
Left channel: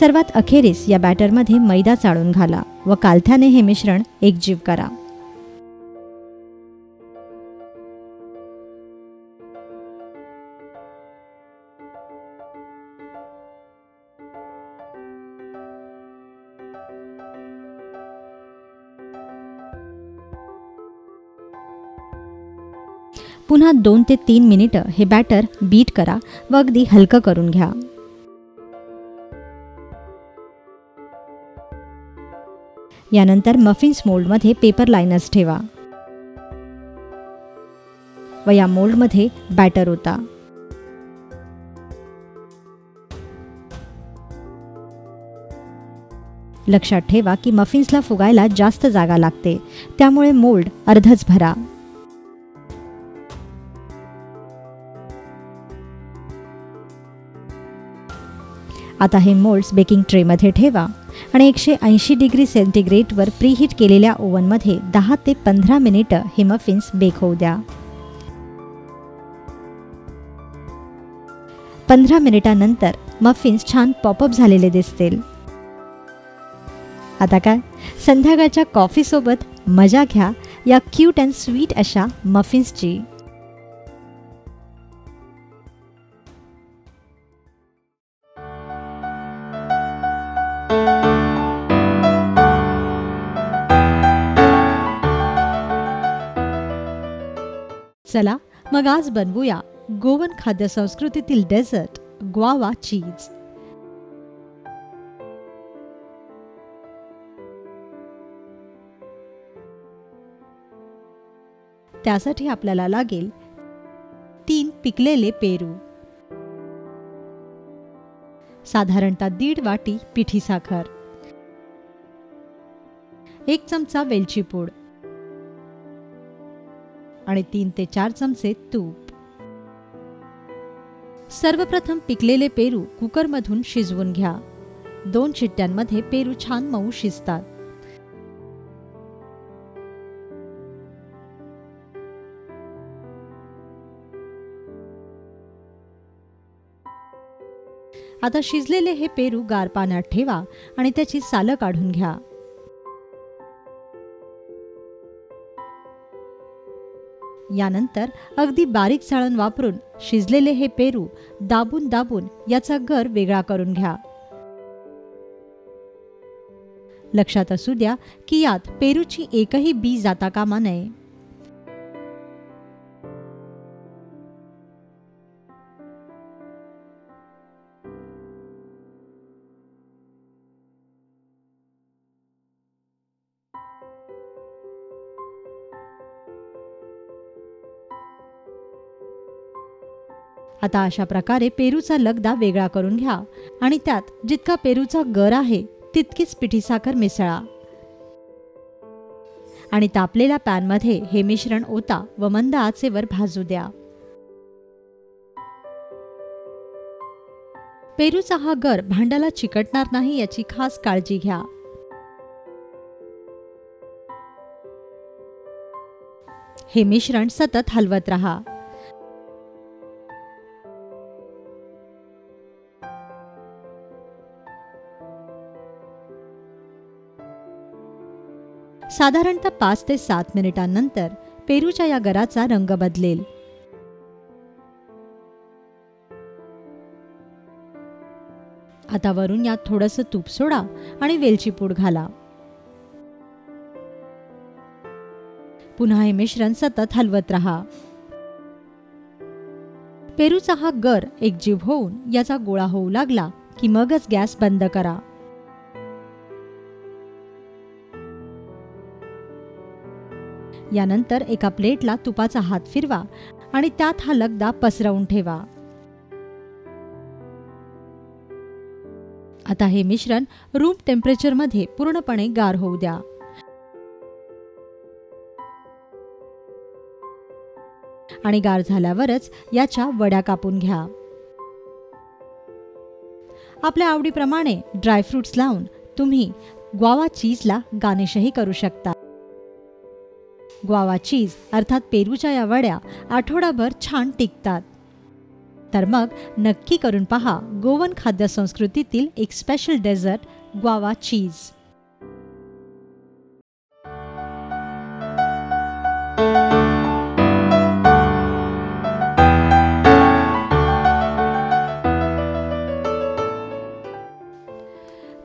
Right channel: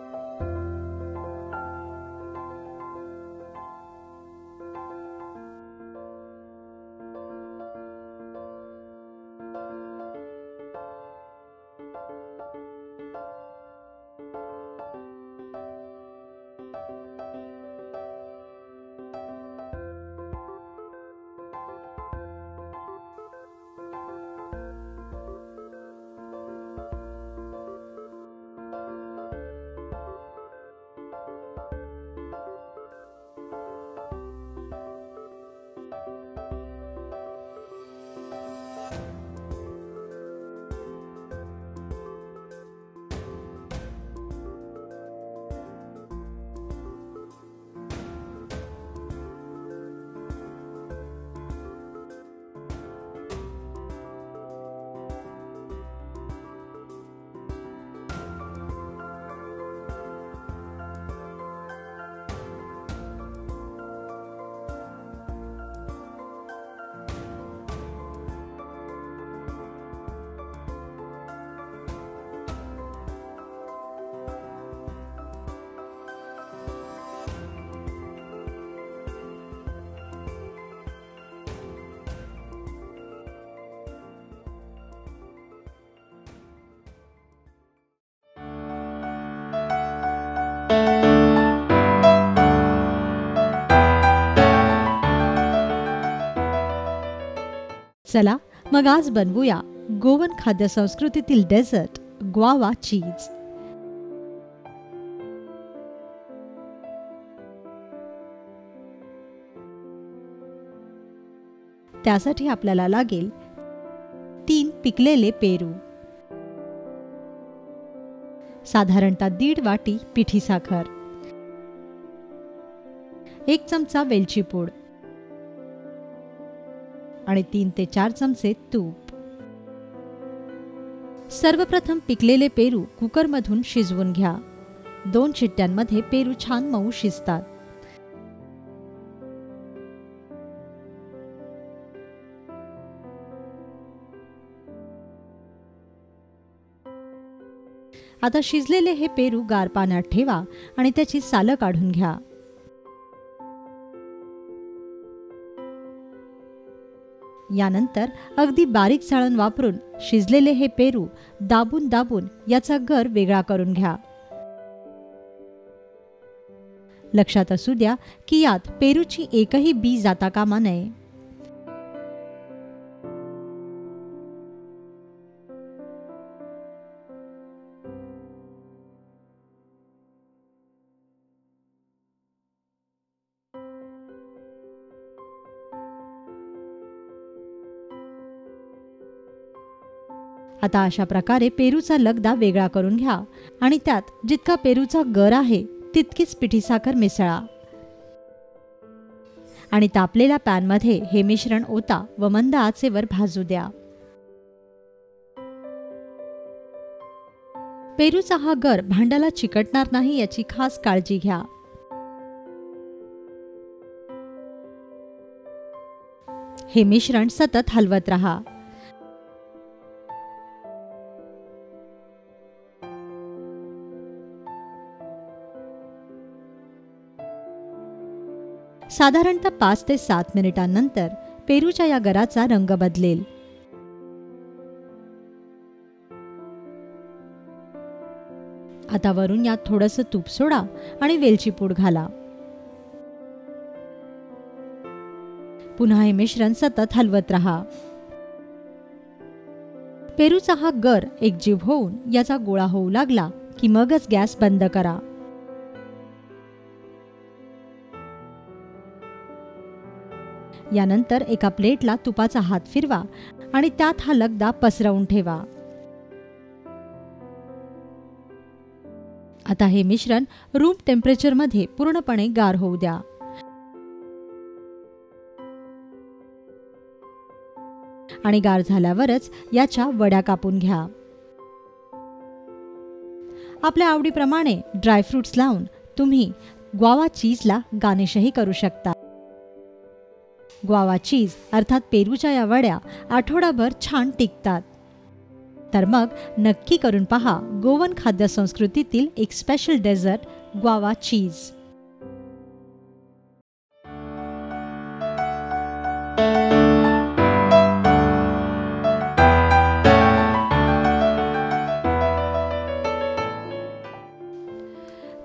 सर्वात अखेरीस या बॅटरमध्ये मैदा चाळून घाला व कालथ्याने हे मिश्रण एकजीव करा. पुन्हा 2 ते 3 मिनिटं हे बॅटर बीट करा व अगदी हलकं करून घ्या. यानंतर मफिन्स मोल्डमध्ये पेपर लाइनर्स ठेवा व या मोल्डमध्ये बॅटर ओता. लक्षात ठेवा की मफिन्सला फुगायला जास्त जागा लागते, त्यामुळे मोल्ड अर्धच भरा. आता हे मोल्ड्स बेकिंग ट्रेमध्ये ठेवा आणि 180 डिग्री सेंटीग्रेडवर प्रीहीट केलेल्या ओव्हनमध्ये 10 ते 15 मिनिटं हे मफिन्स बेक होऊ द्या. 15 मिनिटांनंतर मफिन्स छान पॉपअप झालेले दिसतील. आता काय, संध्याकाळच्या कॉफीसोबत मजा घ्या या क्यूट अँड स्वीट अशा मफिन्सची. चला मग आज बनवूया गोवन खाद्य संस्कृतीतील डेझर्ट ग्वावा चीज. त्यासाठी आपल्याला लागेल 3 पिकलेले पेरू, साधारणतः 1.5 वाटी पिठी साखर, 1 चमचा वेलची पूड आणि 3 ते 4 चमचे तूप. सर्वप्रथम पिकलेले पेरू कुकरमधून शिजवून घ्या. 2 शिट्ट्यांमध्ये पेरू छान मऊ शिजतात. आता शिजलेले हे पेरू गार पाण्यात ठेवा आणि त्याची सालं काढून घ्या. यानंतर अगदी बारीक चाळण वापरून शिजलेले हे पेरू दाबून दाबून याचा गर वेगळा करून घ्या. लक्षात असू द्या की यात पेरूची एकही बी जाता कामा नये. आता अशा प्रकारे पेरूचा लगदा वेगळा करून घ्या आणि त्यात जितका पेरूचा गर आहे तितकीच पिठी साखर मिसळा आणि तापलेल्या पॅनमध्ये हे मिश्रण ओता व मंद आचेवर भाजू द्या. पेरूचा हा गर भांड्याला चिकटणार नाही याची खास काळजी घ्या. हे मिश्रण सतत हलवत रहा. साधारणतः 5 ते 7 मिनिटांनंतर पेरूच्या या गराचा रंग बदलेल. आता वरून यात थोडंसं तूप सोडा आणि वेलची पूड घाला. पुन्हा हे मिश्रण सतत हलवत रहा. पेरूचा हा गर एकजीव होऊन याचा गोळा होऊ लागला की मगच गॅस बंद करा. यानंतर एका प्लेटला तुपाचा हात फिरवा आणि त्यात हा लगदा पसरवून ठेवा. आता हे मिश्रण रूम टेम्परेचरमध्ये पूर्णपणे गार होऊ द्या. आणि गार झाल्यावरच याच्या वड्या कापून घ्या. आपल्या आवडीप्रमाणे ड्रायफ्रुट्स लावून तुम्ही ग्वावा चीजला गार्निशही करू शकता. ग्वावा चीज अर्थात पेरूच्या या वड्या आठवडाभर छान टिकतात. तर मग नक्की करून पहा गोवन खाद्य संस्कृतीतील एक स्पेशल डेझर्ट ग्वावा चीज.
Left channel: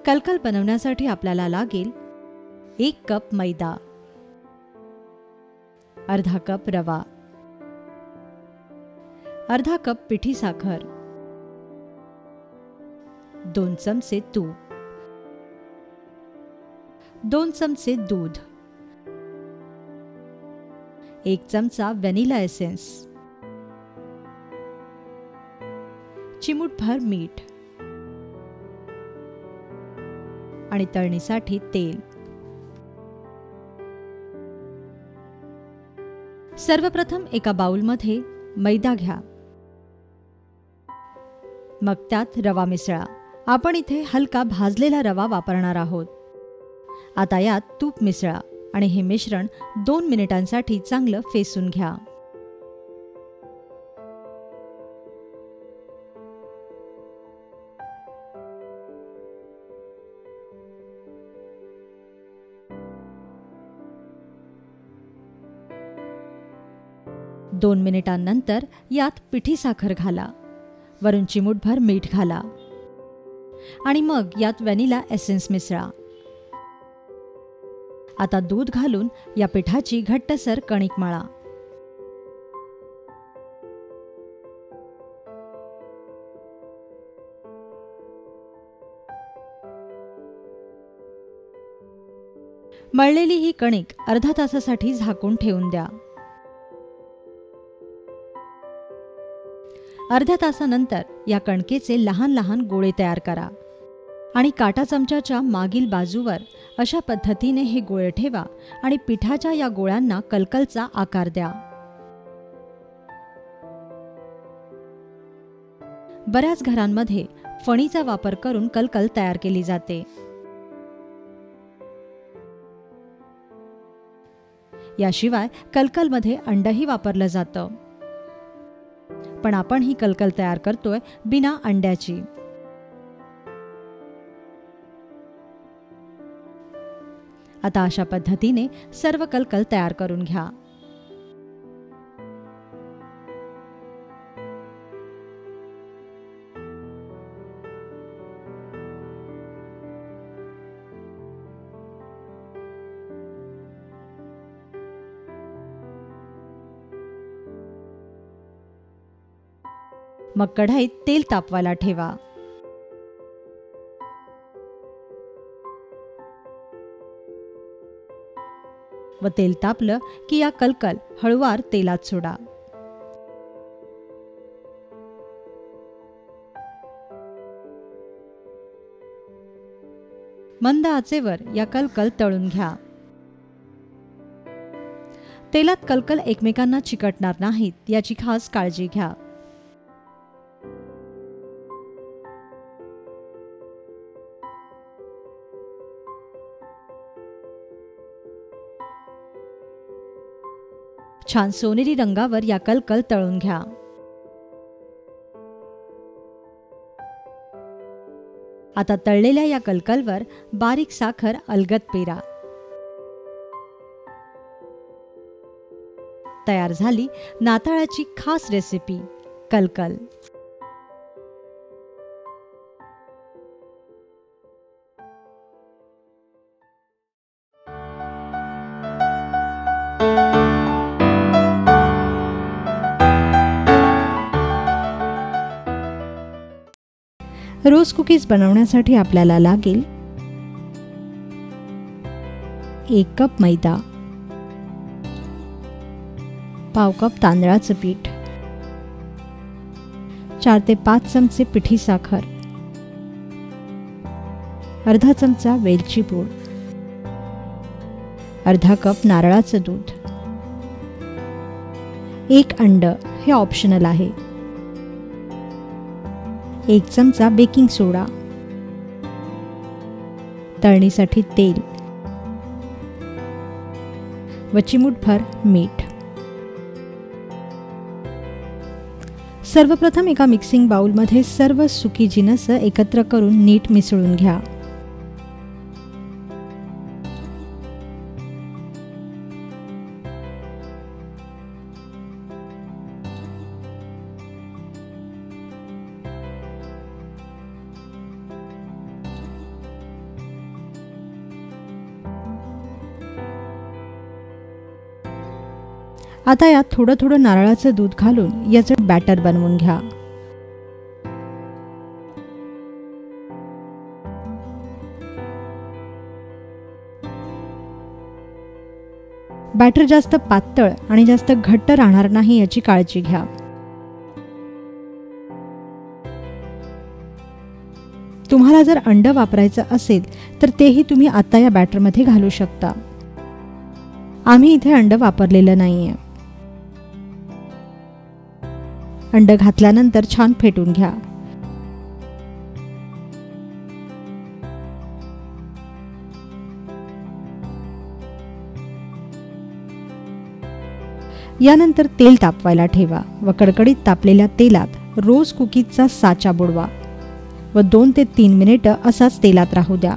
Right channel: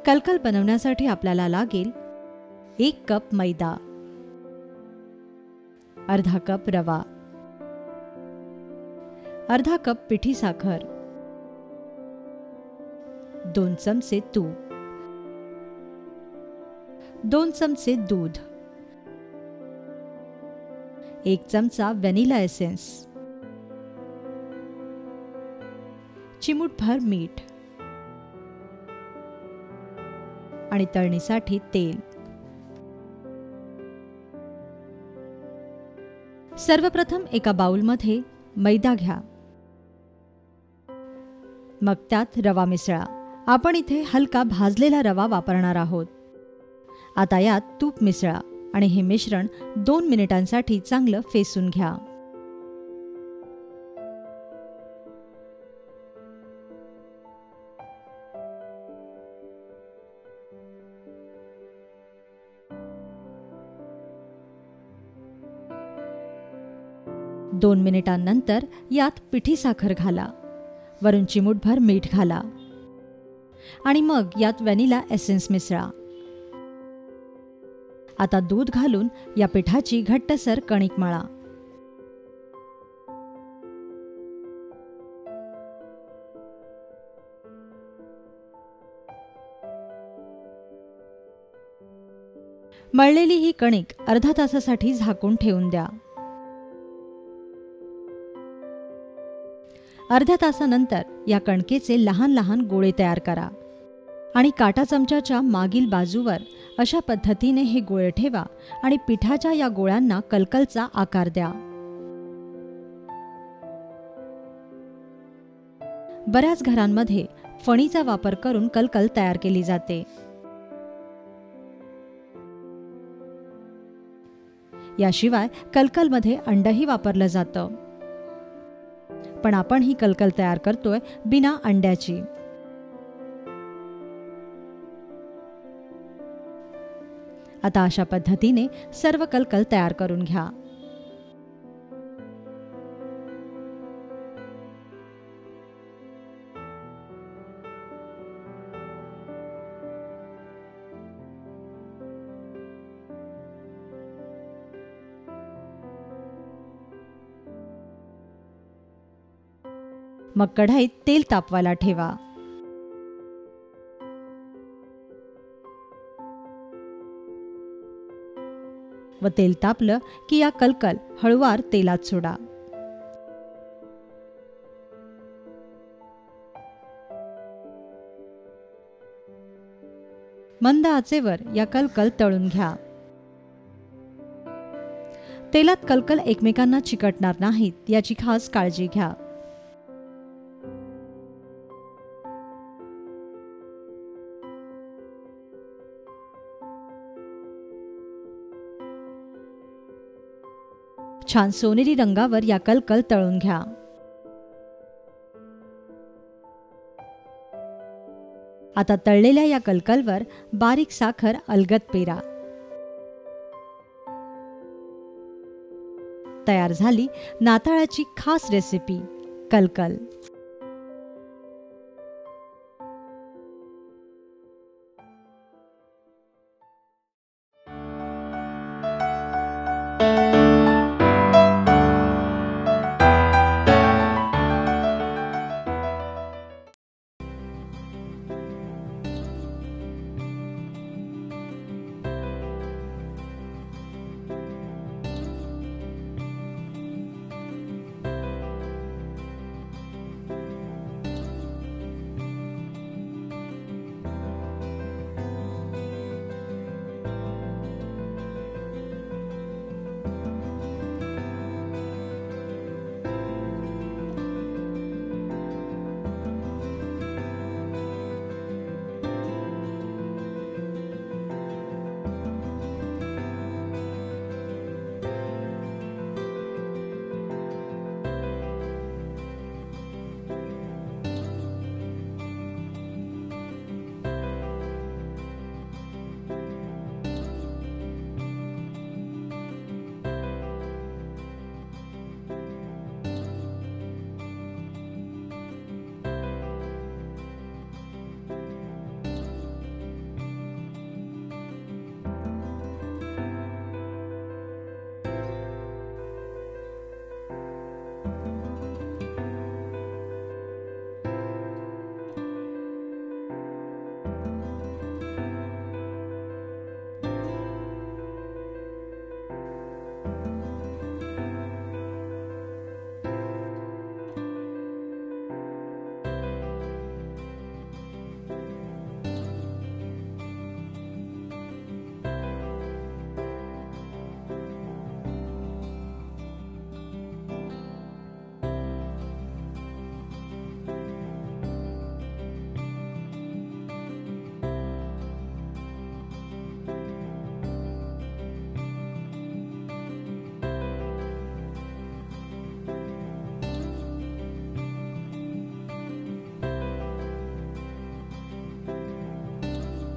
कलकल बनवण्यासाठी आपल्याला लागेल 1 कप मैदा, अर्धा कप रवा, अर्धा कप पिठी साखर, 2 चमचे तूप, 2 चमचे दूध, 1 चमचा व्हॅनिला एसेन्स, चिमूटभर मीठ आणि तळणीसाठी तेल. सर्वप्रथम एका बाउलमध्ये मैदा घ्या. मग त्यात रवा मिसळा. आपण इथे हलका भाजलेला रवा वापरणार आहोत. आता यात तूप मिसळा आणि हे मिश्रण 2 मिनिटांसाठी चांगलं फेसून घ्या. दोन मिनिटांनंतर यात पिठी साखर घाला. वरून चिमूटभर मीठ घाला आणि मग यात व्हॅनिला एसेन्स मिसळा. आता दूध घालून या पिठाची घट्टसर कणिक मळा. मळलेली ही कणिक अर्धा तासासाठी झाकून ठेवून द्या. अर्ध्या तासानंतर या कणकेचे लहान लहान गोळे तयार करा आणि काटा चमच्याच्या मागील बाजूवर अशा पद्धतीने हे गोळे ठेवा आणि पिठाच्या या गोळ्यांना कलकलचा आकार द्या. बऱ्याच घरांमध्ये फणीचा वापर करून कलकल तयार केली जाते. याशिवाय कलकलमध्ये अंडही वापरलं जातं. पण आपण ही कलकल तयार करतोय बिना अंड्याची. आता अशा पद्धतीने सर्व कलकल तयार करून घ्या. मग कढईत तेल तापवायला ठेवा. व तेल तापलं की या कलकल हळूवार तेलात सोडा. मंद आचेवर या कलकल तळून घ्या. तेलात कलकल एकमेकांना चिकटणार नाहीत याची खास काळजी घ्या. छान सोनेरी रंगावर या कलकल तळून घ्या. आता तळलेल्या या कलकलवर बारीक साखर अलगद पेरा. तयार झाली नाताळाची खास रेसिपी कलकल. रोज कुकीज बनवण्यासाठी आपल्याला लागेल 1 कप मैदा, पाव कप तांदळाचं पीठ, 4 ते 5 चमचे पिठी साखर, अर्धा चमचा वेलची पूड, अर्धा कप नारळाचं दूध, 1 अंड हे ऑप्शनल आहे, 1 चमचा बेकिंग सोडा, तळणीसाठी तेल व चिमूटभर मीठ. सर्वप्रथम एका मिक्सिंग बाउलमध्ये सर्व सुकी जिन्नस एकत्र करून नीट मिसळून घ्या. आता यात थोडं थोडं नारळाचं दूध घालून याचं बॅटर बनवून घ्या. बॅटर जास्त पातळ आणि जास्त घट्ट राहणार नाही याची काळजी घ्या. तुम्हाला जर अंड वापरायचं असेल तर तेही तुम्ही आता या बॅटरमध्ये घालू शकता. आम्ही इथे अंड वापरलेलं नाहीये. अंड घातल्यानंतर छान फेटून घ्या. यानंतर तेल तापवायला ठेवा व कडकडीत तापलेल्या तेलात रोज कुकीजचा साचा बुडवा व 2 ते 3 मिनिटं असाच तेलात राहू द्या.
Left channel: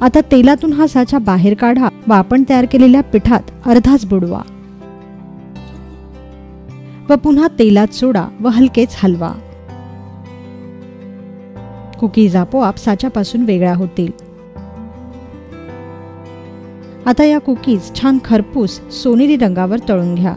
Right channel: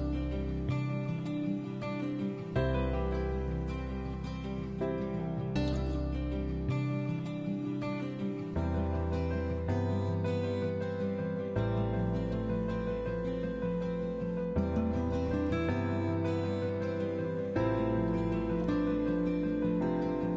आता तेलातून हा साचा बाहेर काढा व आपण तयार केलेल्या पिठात अर्धाच बुडवा व पुन्हा तेलात सोडा व हलकेच हलवा. कुकीज आपोआप साच्यापासून वेगळ्या होतील. आता या कुकीज छान खरपूस सोनेरी रंगावर तळून घ्या.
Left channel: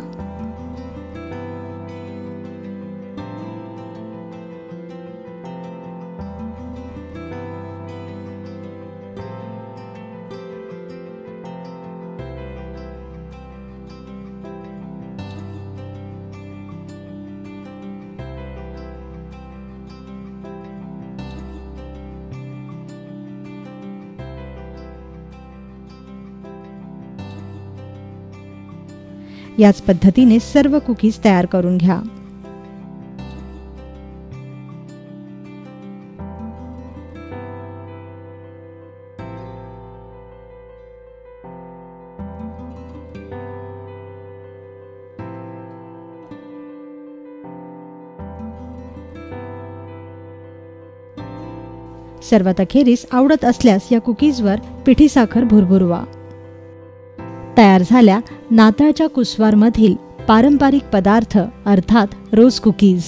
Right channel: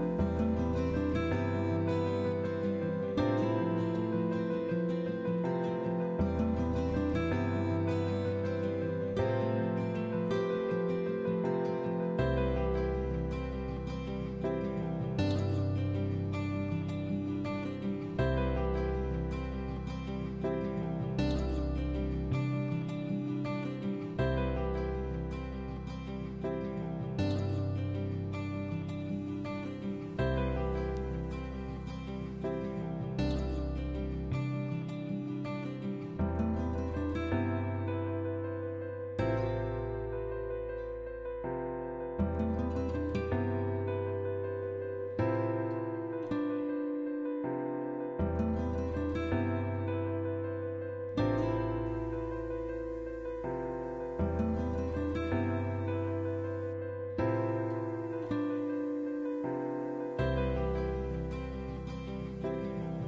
याच पद्धतीने सर्व कुकीज तयार करून घ्या. सर्वात अखेरीस आवडत असल्यास या कुकीजवर पिठी साखर भुरभुरवा. तयार झाल्या नाताळच्या कुसवारमधील पारंपरिक पदार्थ अर्थात रोज कुकीज.